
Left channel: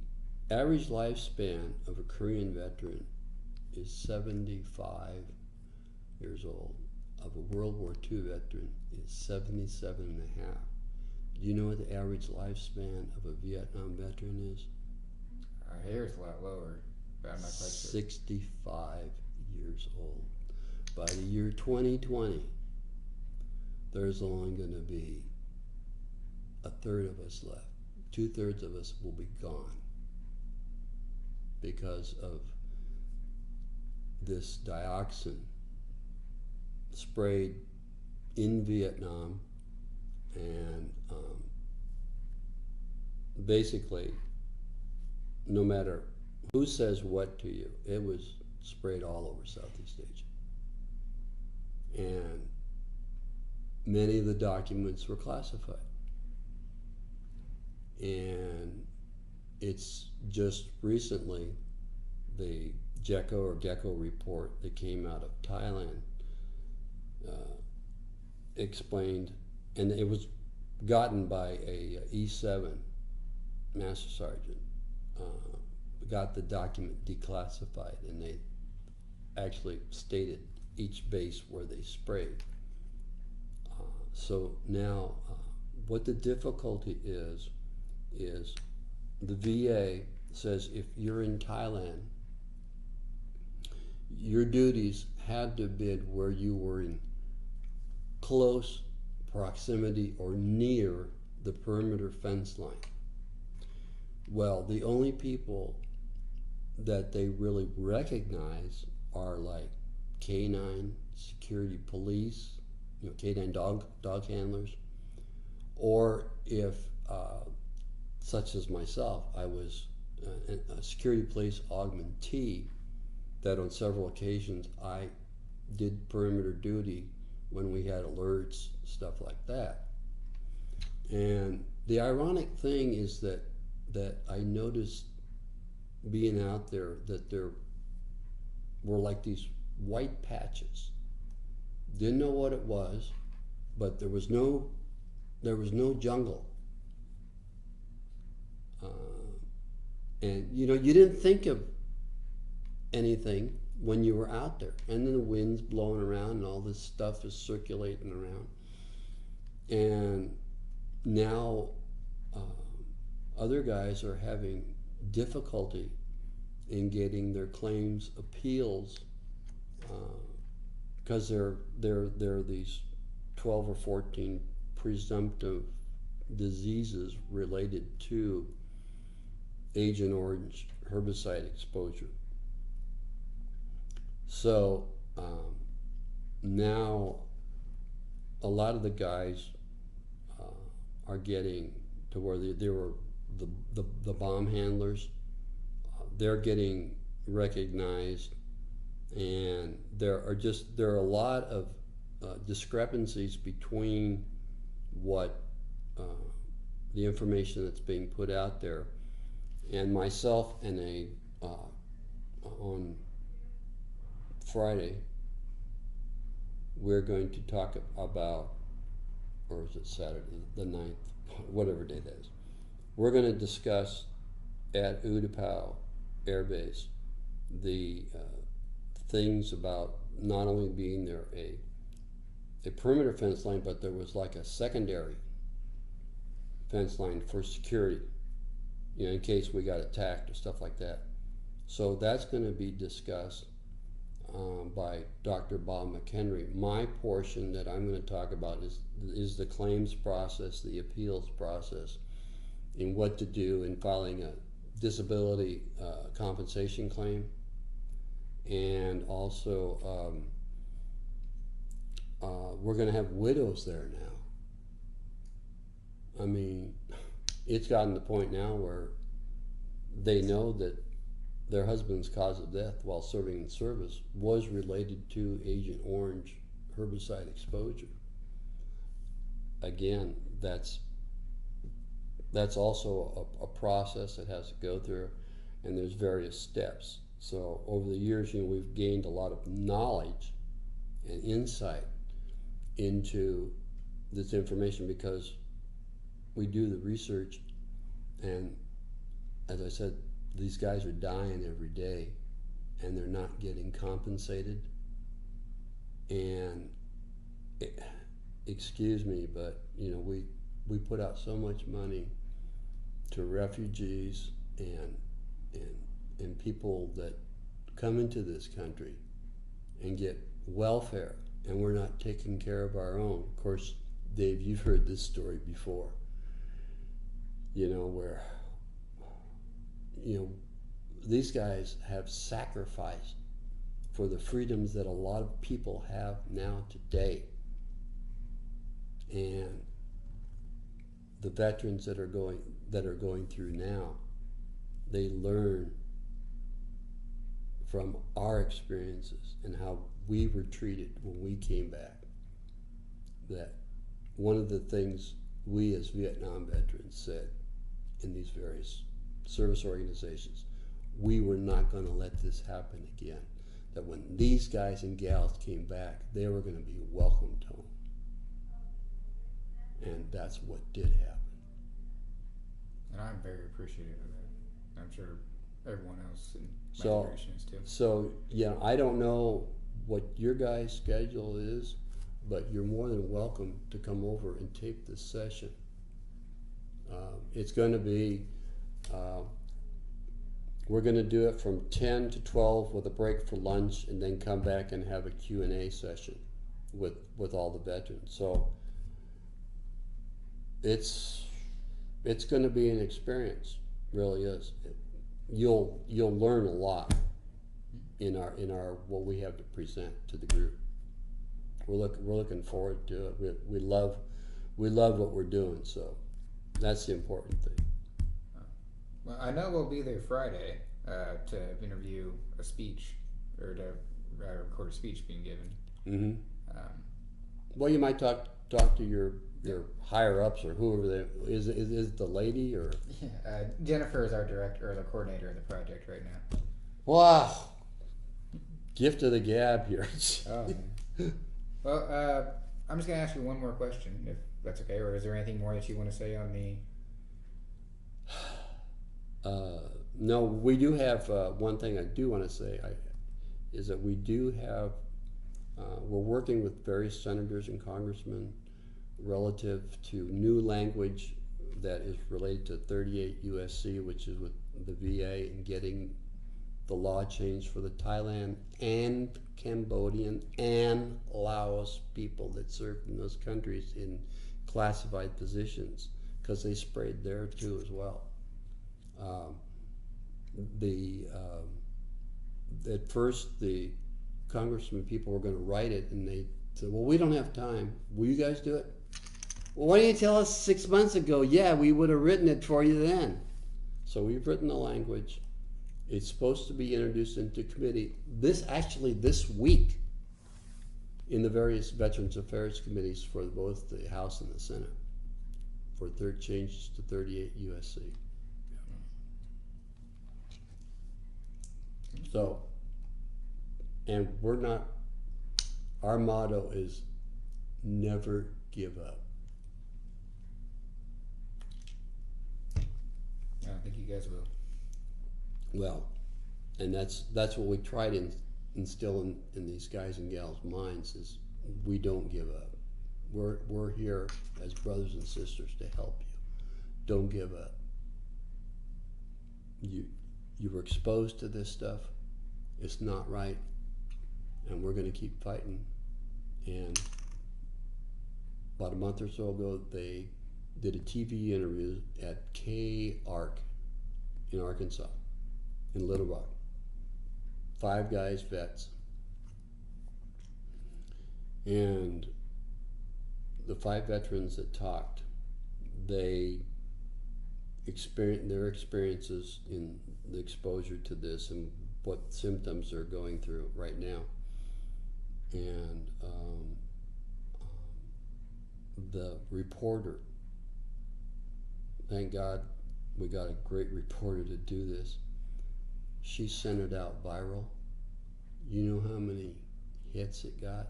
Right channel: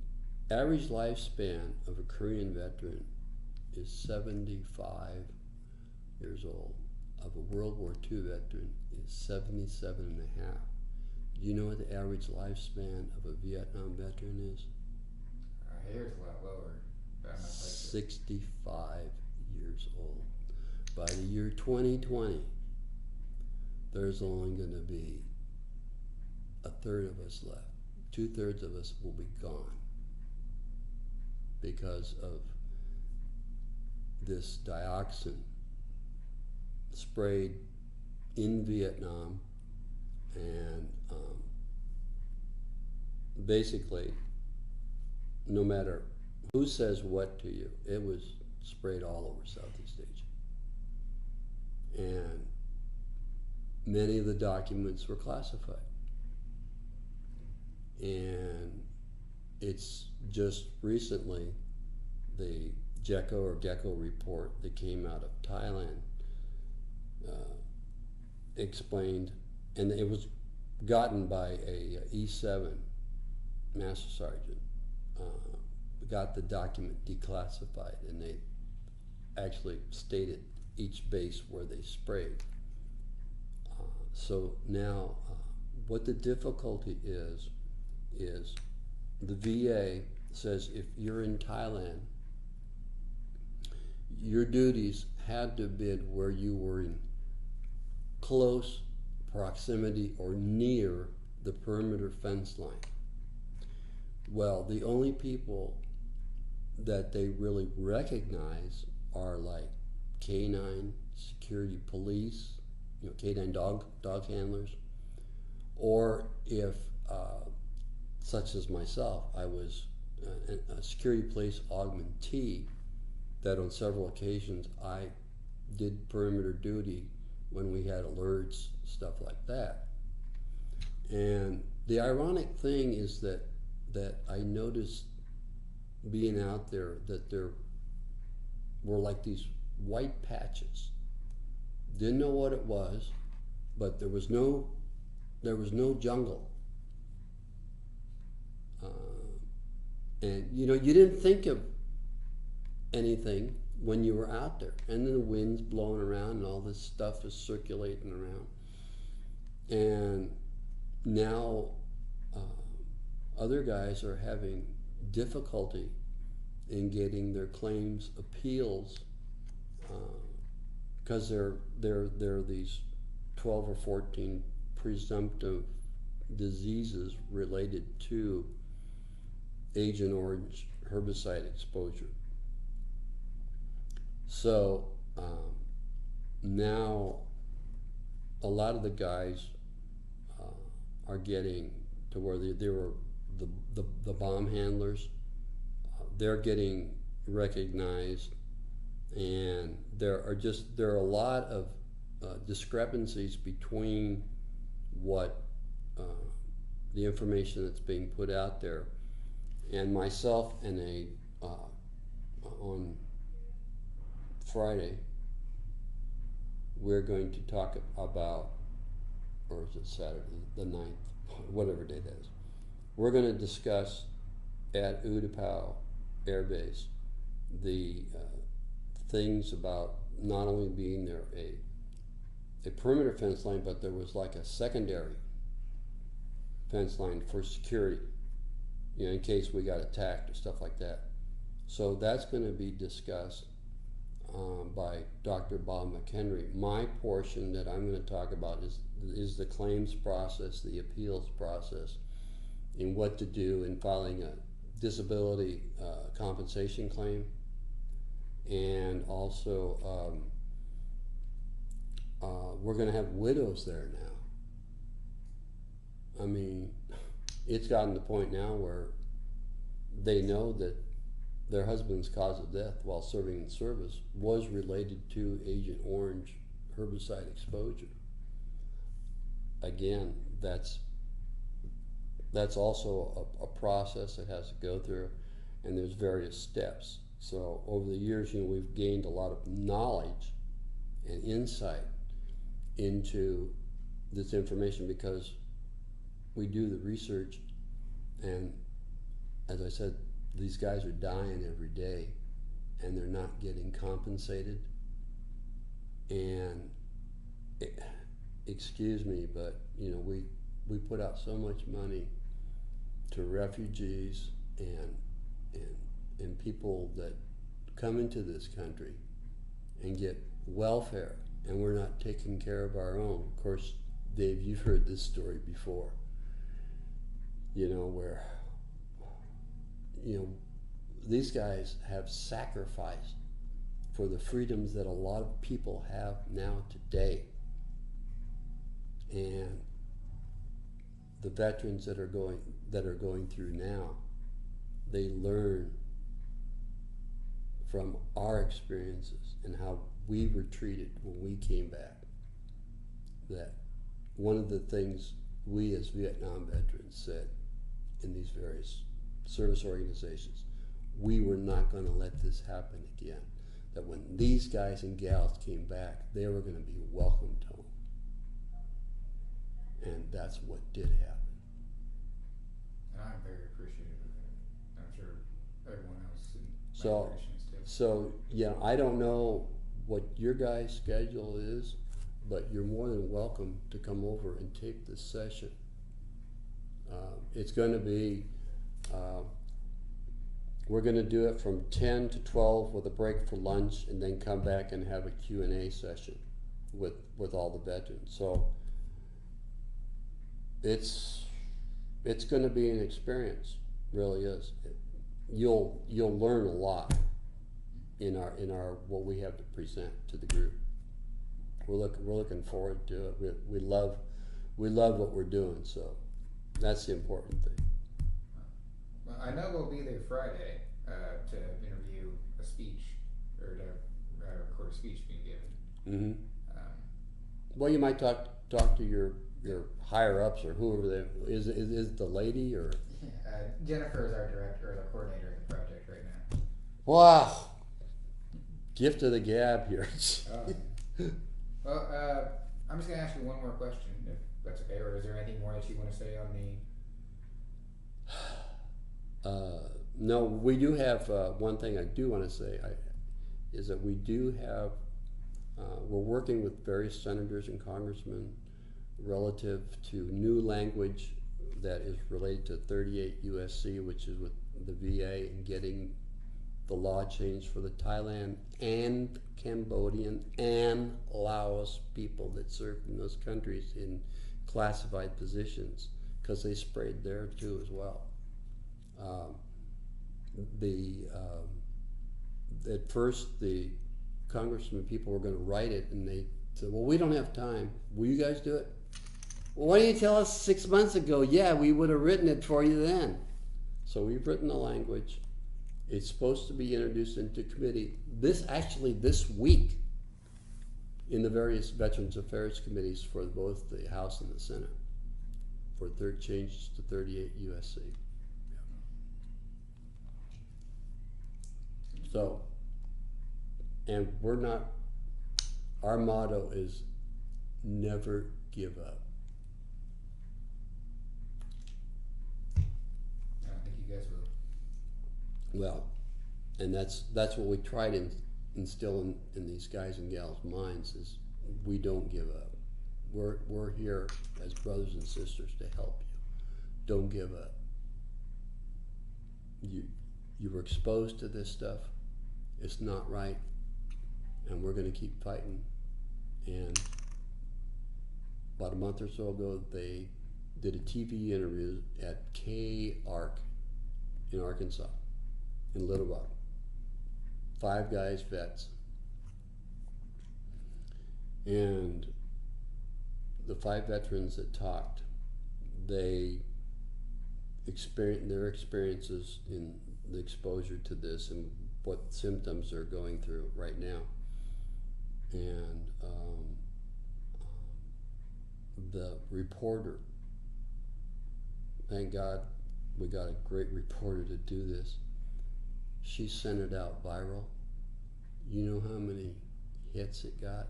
average lifespan of a Korean veteran is 75 years old. Of a World War II veteran is 77 and a half. Do you know what the average lifespan of a Vietnam veteran is? Here it's a lot lower, but I'm not quite sure. 65 years old. By the year 2020, there's only going to be a third of us left. 2/3 of us will be gone because of this dioxin sprayed in Vietnam, and basically, no matter who says what to you, it was sprayed all over Southeast Asia. And many of the documents were classified. And it's just recently the GECO report that came out of Thailand explained, and it was gotten by a E7 master sergeant, got the document declassified, and they actually stated each base where they sprayed. So now what the difficulty is the VA says if you're in Thailand, your duties had to have been where you were in close proximity or near the perimeter fence line. Well, the only people that they really recognize are like canine security police, canine dog handlers, or if such as myself, I was a security police augmentee that on several occasions I did perimeter duty when we had alerts, stuff like that. And the ironic thing is that I noticed being out there that there were like these white patches Didn't know what it was, but there was no jungle. And you know, you didn't think of anything when you were out there, and then the wind's blowing around and all this stuff is circulating around. And now other guys are having difficulty in getting their claims appeals because they're these 12 or 14 presumptive diseases related to Agent Orange herbicide exposure. So now a lot of the guys are getting to where they were the bomb handlers. They're getting recognized, and there are a lot of discrepancies between what the information that's being put out there, and myself and on Friday we're going to talk about, or is it Saturday, the 9th, whatever day that is. We're going to discuss at Utapau Air Base the things about not only being there a perimeter fence line, but there was like a secondary fence line for security, you know, in case we got attacked or stuff like that. So that's going to be discussed by Dr. Bob McHenry. My portion that I'm going to talk about is the claims process, the appeals process, and what to do in filing a disability compensation claim, and also we're going to have widows there now. I mean, it's gotten to the point now where they know that their husband's cause of death while serving in service was related to Agent Orange herbicide exposure. Again, that's also a process that has to go through, and there's various steps. So over the years, you know, we've gained a lot of knowledge and insight into this information because we do the research, and as I said, these guys are dying every day and they're not getting compensated. And excuse me, but you know, we put out so much money to refugees and people that come into this country and get welfare, and we're not taking care of our own. Of course, Dave, you've heard this story before, you know, where, you know, these guys have sacrificed for the freedoms that a lot of people have now today. And the veterans that are going through now, they learn from our experiences and how we were treated when we came back. That one of the things we as Vietnam veterans said in these various service organizations, we were not going to let this happen again. That when these guys and gals came back, they were going to be welcomed home. And that's what did happen. And I'm very appreciative of that. I'm sure everyone else in my generation is too. So, yeah, I don't know what your guys' schedule is, but you're more than welcome to come over and tape this session. It's going to be, we're going to do it from 10 to 12 with a break for lunch, and then come back and have a Q&A session with all the veterans. So it's going to be an experience, really is. You'll learn a lot in our what we have to present to the group. We're looking forward to it. We love what we're doing, so that's the important thing. Well, I know we'll be there Friday to interview a speech, or to record a speech being given. Mm-hmm. Well, you might talk to your higher ups or whoever they is it the lady or? Yeah, Jennifer is our director or the coordinator of the project right now. Wow, gift of the gab here. Well, I'm just gonna ask you one more question, if that's okay, or is there anything more that you want to say on the? No, we do have one thing I do want to say is that we do have, we're working with various senators and congressmen relative to new language that is related to 38 USC, which is with the VA, and getting the law changed for the Thailand and Cambodian and Laos people that served in those countries in classified positions, because they sprayed there too as well. The At first the congressman people were going to write it, and they said, well, we don't have time. Will you guys do it? Well, why didn't you tell us 6 months ago? Yeah, we would have written it for you then. So we've written the language. It's supposed to be introduced into committee this week in the various Veterans Affairs committees for both the House and the Senate for third changes to 38 USC. So, and our motto is never give up. I don't think you guys will. Well, and that's what we try to instill in these guys and gals' minds is we don't give up. We're here as brothers and sisters to help you. Don't give up. You were exposed to this stuff. It's not right, and we're going to keep fighting. And about a month or so ago, they did a TV interview at K-Arc in Arkansas, in Little Rock. 5 guys, vets. And the 5 veterans that talked, they experienced their experiences in the exposure to this and what symptoms they're going through right now. And the reporter, thank God we got a great reporter to do this. She sent it out viral. You know how many hits it got?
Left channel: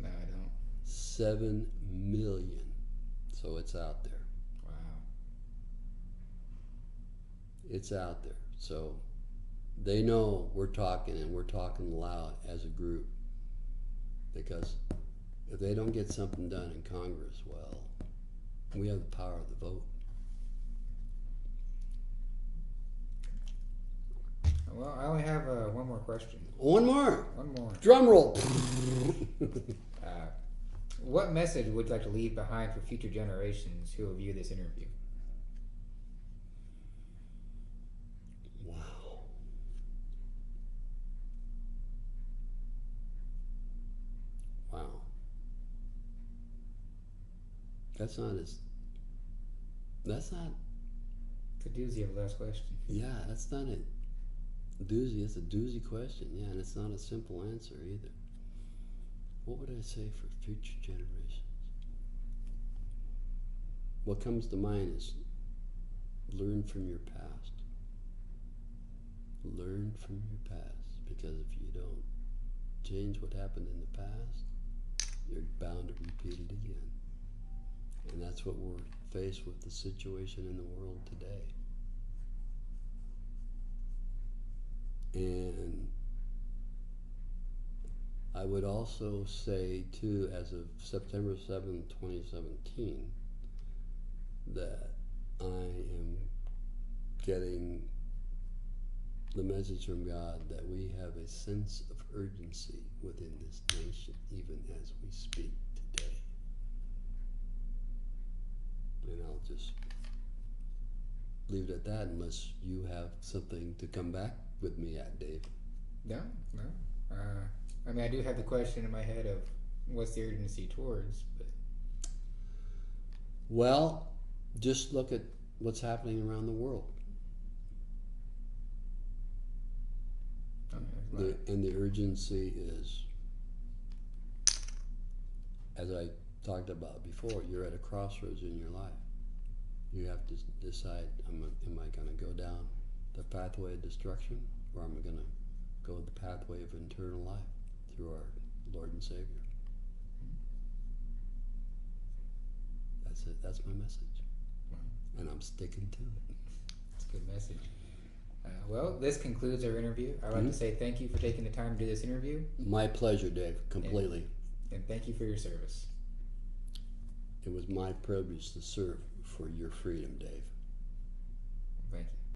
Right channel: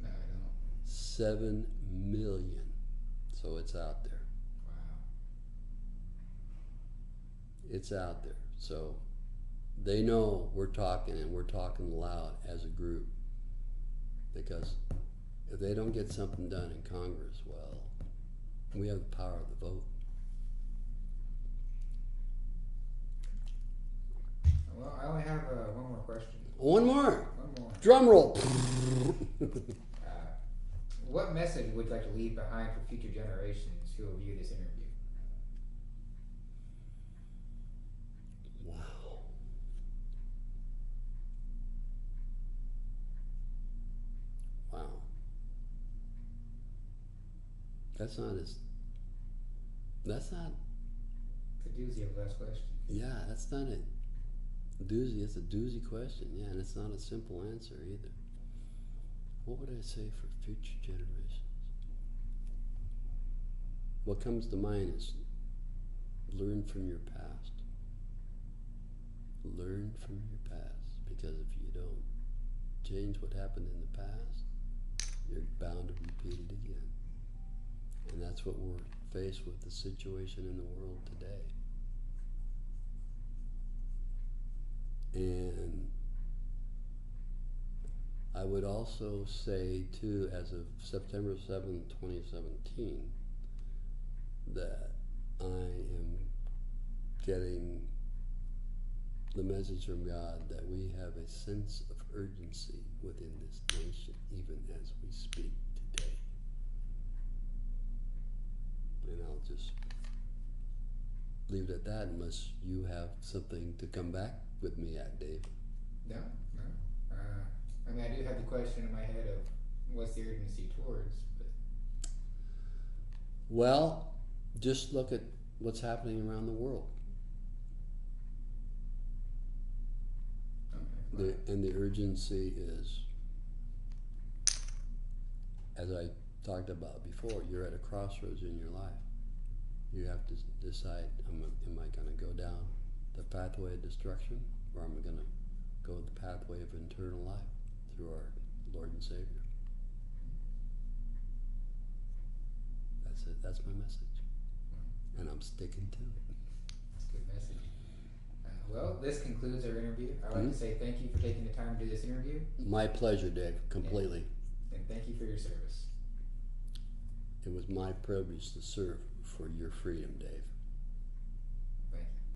No, I don't. 7 million. So it's out there. Wow. It's out there. So they know we're talking, and we're talking loud as a group. Because if they don't get something done in Congress, well, we have the power of the vote. Well, I only have one more question. One more. One more. Drum roll. What message would you like to leave behind for future generations who will view this interview? Wow. Wow. That's not. It's a doozy of a last question. Yeah, that's not a doozy. It's a doozy question. Yeah, and it's not a simple answer either. What would I say for future generations? What comes to mind is learn from your past. Learn from your past, because if you don't change what happened in the past, you're bound to repeat it again. And that's what we're faced with, the situation in the world today. And I would also say, too, as of September 7th, 2017, that I am getting the message from God that we have a sense of urgency within this nation, even as we speak today. And I'll just leave it at that, unless you have something to come back with me at, Dave. No. I mean, I do have the question in my head of what's the urgency towards, but... Well, just look at what's happening around the world. And the urgency is, as I talked about before, you're at a crossroads in your life. You have to decide, am I going to go down the pathway of destruction, or am I going to go the pathway of eternal life through our Lord and Savior? That's it. That's my message, and I'm sticking to it. It's a good message. Well, this concludes our interview. I'd like to say thank you for taking the time to do this interview. My pleasure, Dave. Completely. And thank you for your service. It was my privilege to serve for your freedom, Dave.